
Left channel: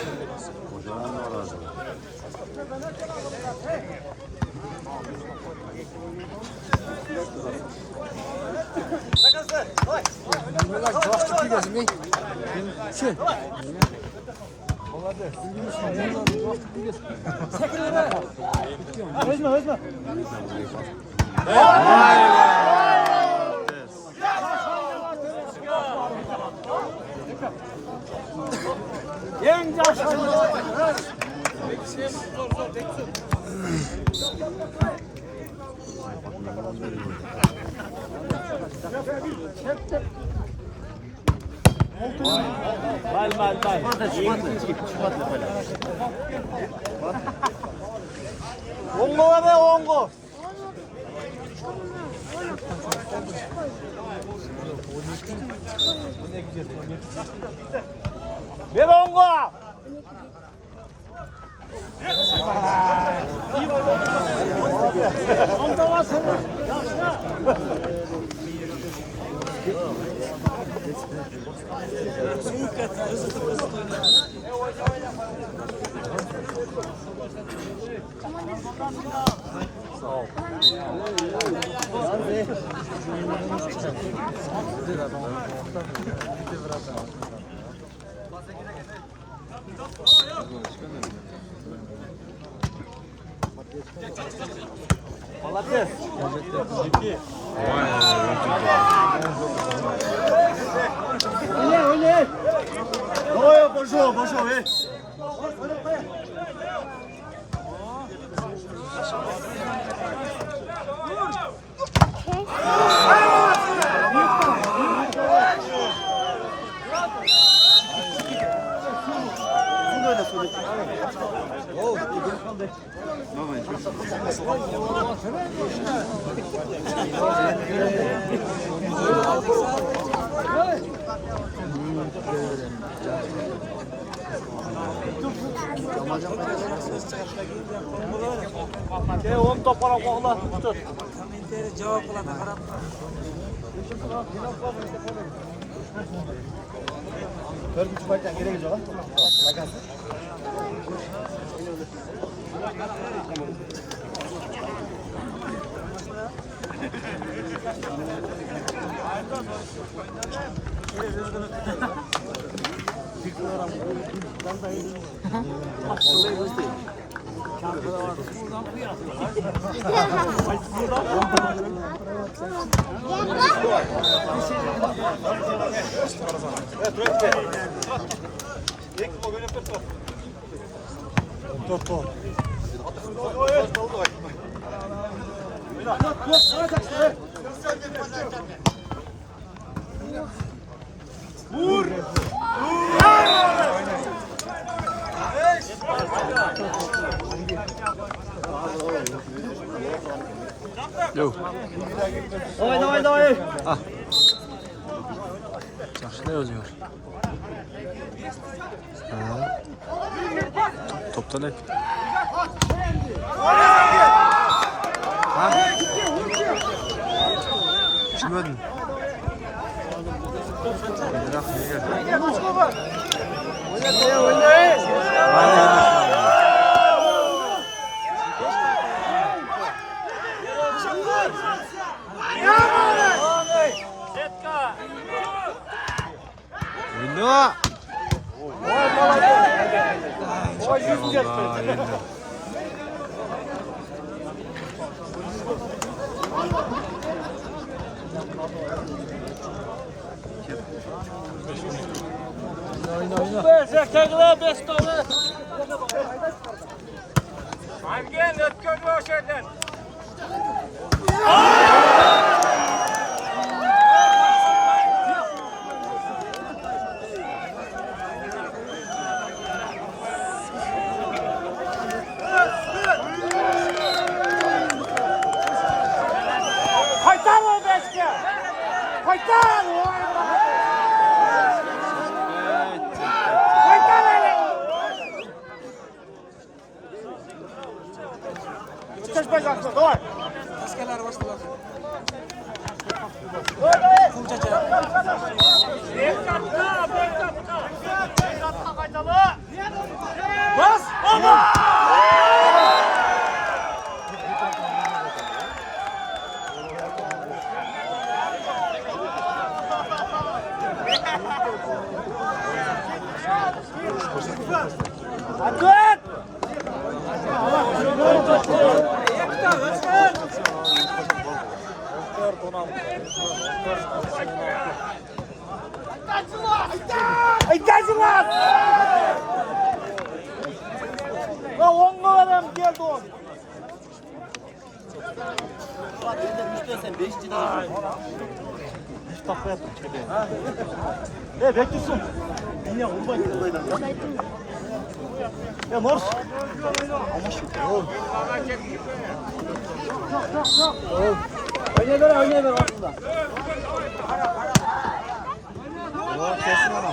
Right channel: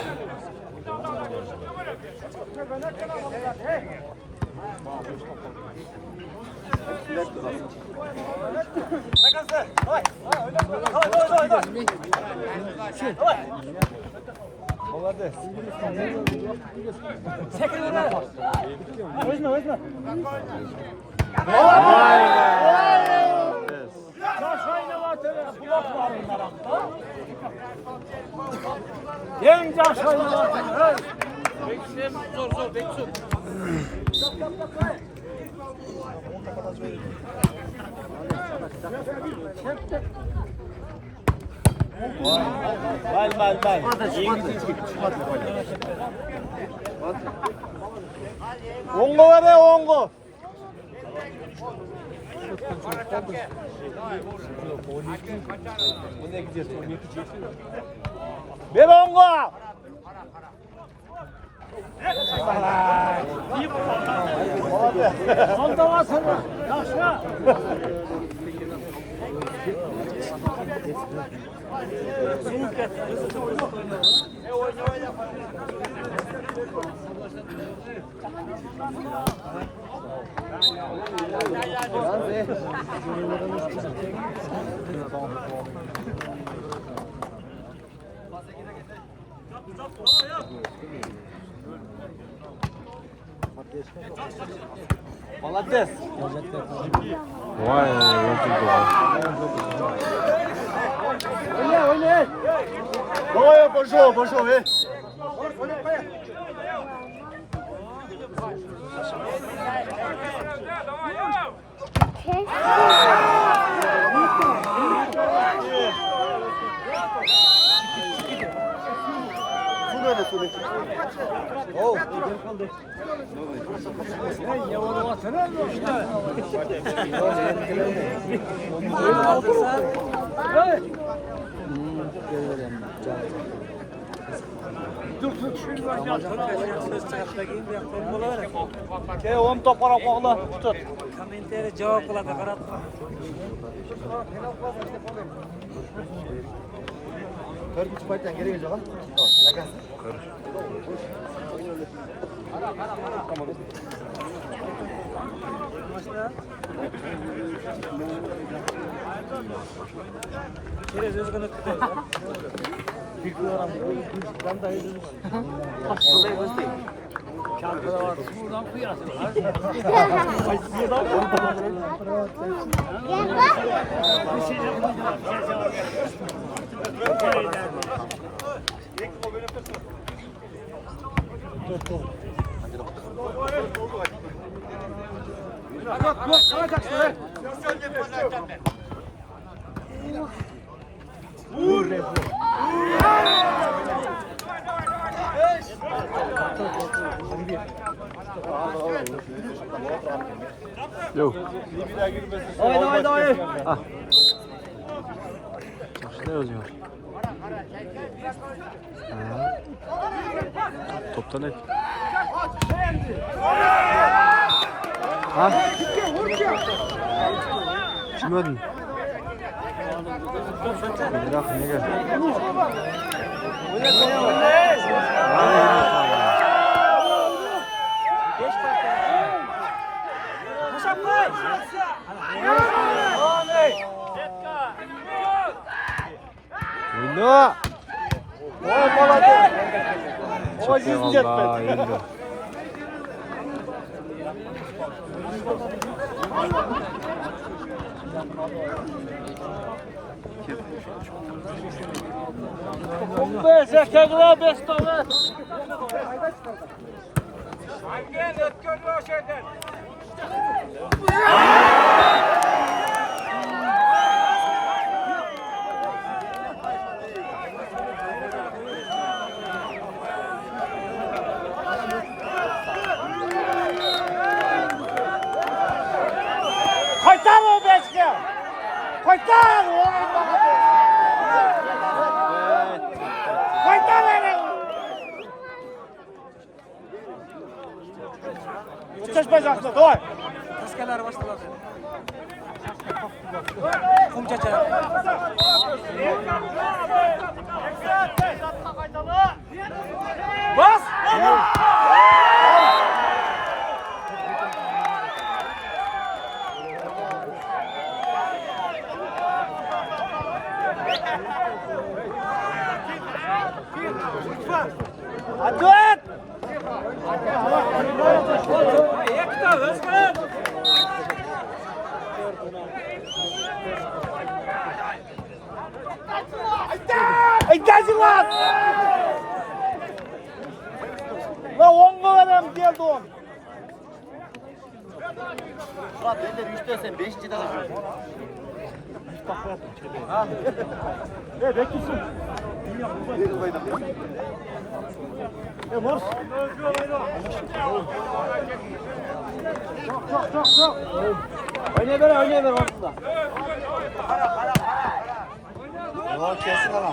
Özme. Vay vay. Ongo'ya be ongo. Ver ongo. Vay Oyna. Давай, пошел, Cevap kılan Dördüncü fight'tan geri gelecek ha. Bakasın. Yo. Давай. Ah. Yaxshi o'zing. Ha. Topdan hep. Ha? Tushunmadim. Biroq nega? Mana yurishman. Oyna. Satıyor Allah endi. Давай. Ne bekliyorsun? Yine vurma. Ya Mors. Ama şu. Oynayın ortada. Yok kesin ama.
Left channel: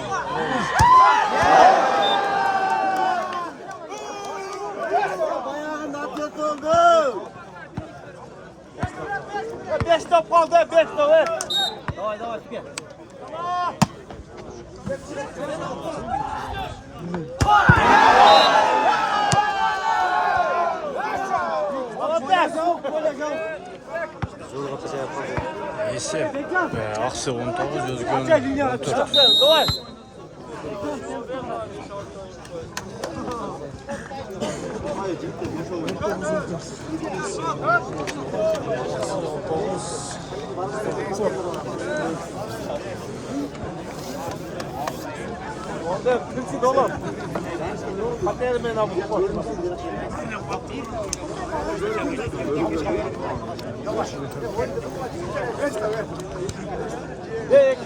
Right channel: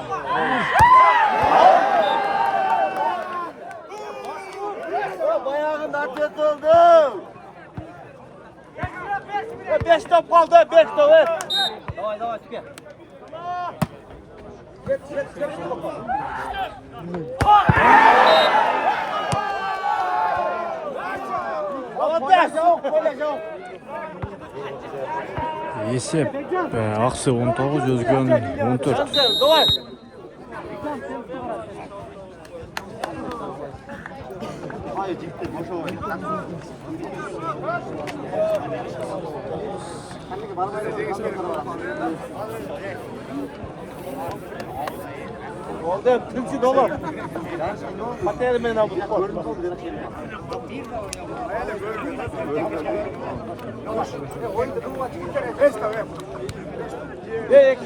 Bayağın atlet oldu. 5 top kaldı, 5 top. Давай, çıkıyor. Esep. Aksı 19, Özgün 14.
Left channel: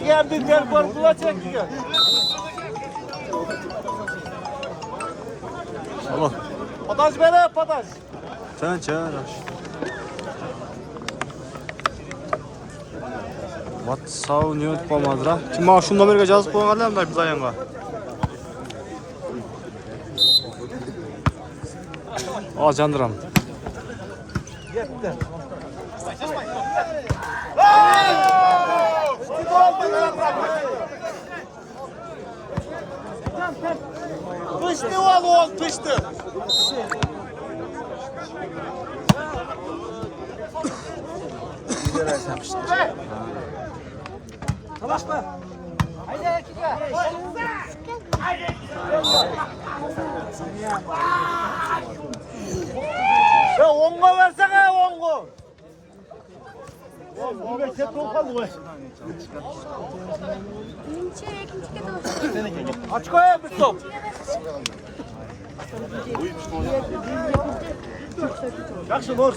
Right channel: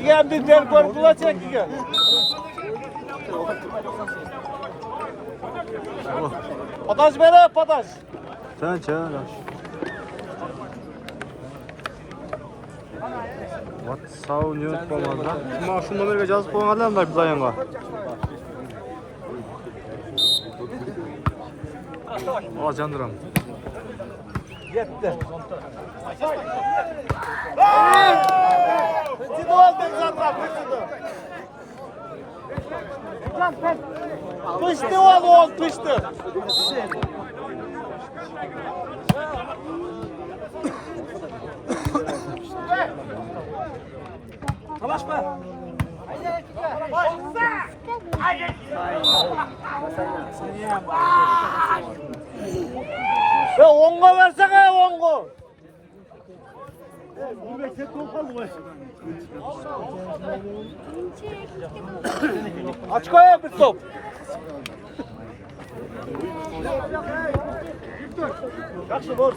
Gel bir tempo kula çekiyor. Allah. Pataş bere pataş. Sen çağır. WhatsApp ne unutmamadra. Kim şu numaraya yazıp qo'yganlar da biz ayanga. Al candıram. Yetti. Pıştı oğlum, pıştı. Ya onga versene onga. Oğlum tek top kaldı bu. Aç koyayım bir top. Yakşı vur.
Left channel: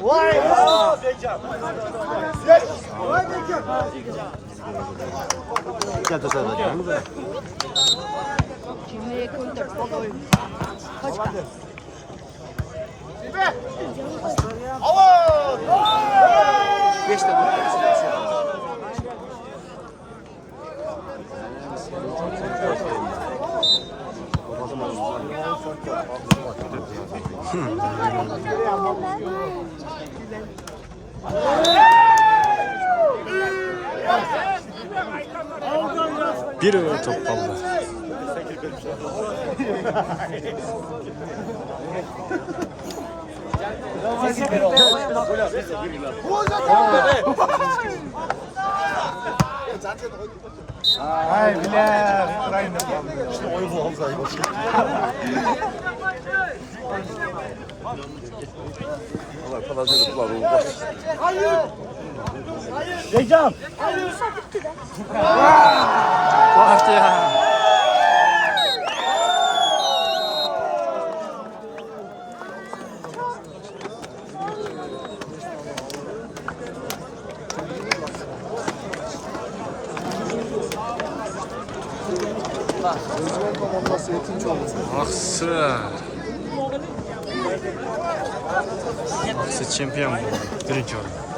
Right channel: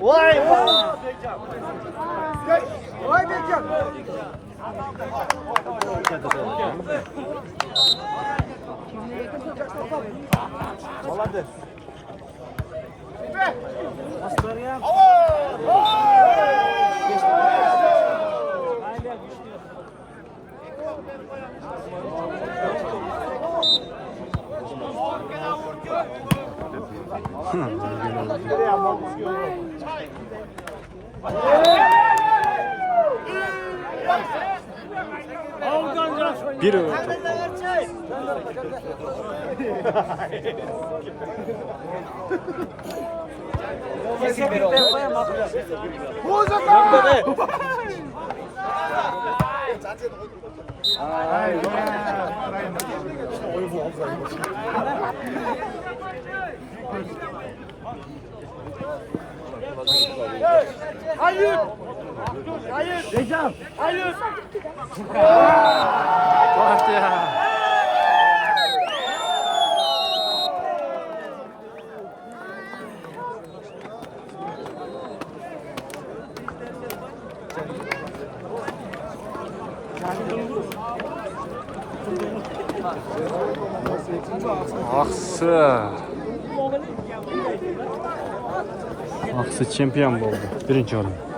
Vay! Vay Bekir! Ya da sen de mi? Bir top kaldı. Hocam! Bak ya. Aksı. Aksı çempiyon oldu. Birinci oldu.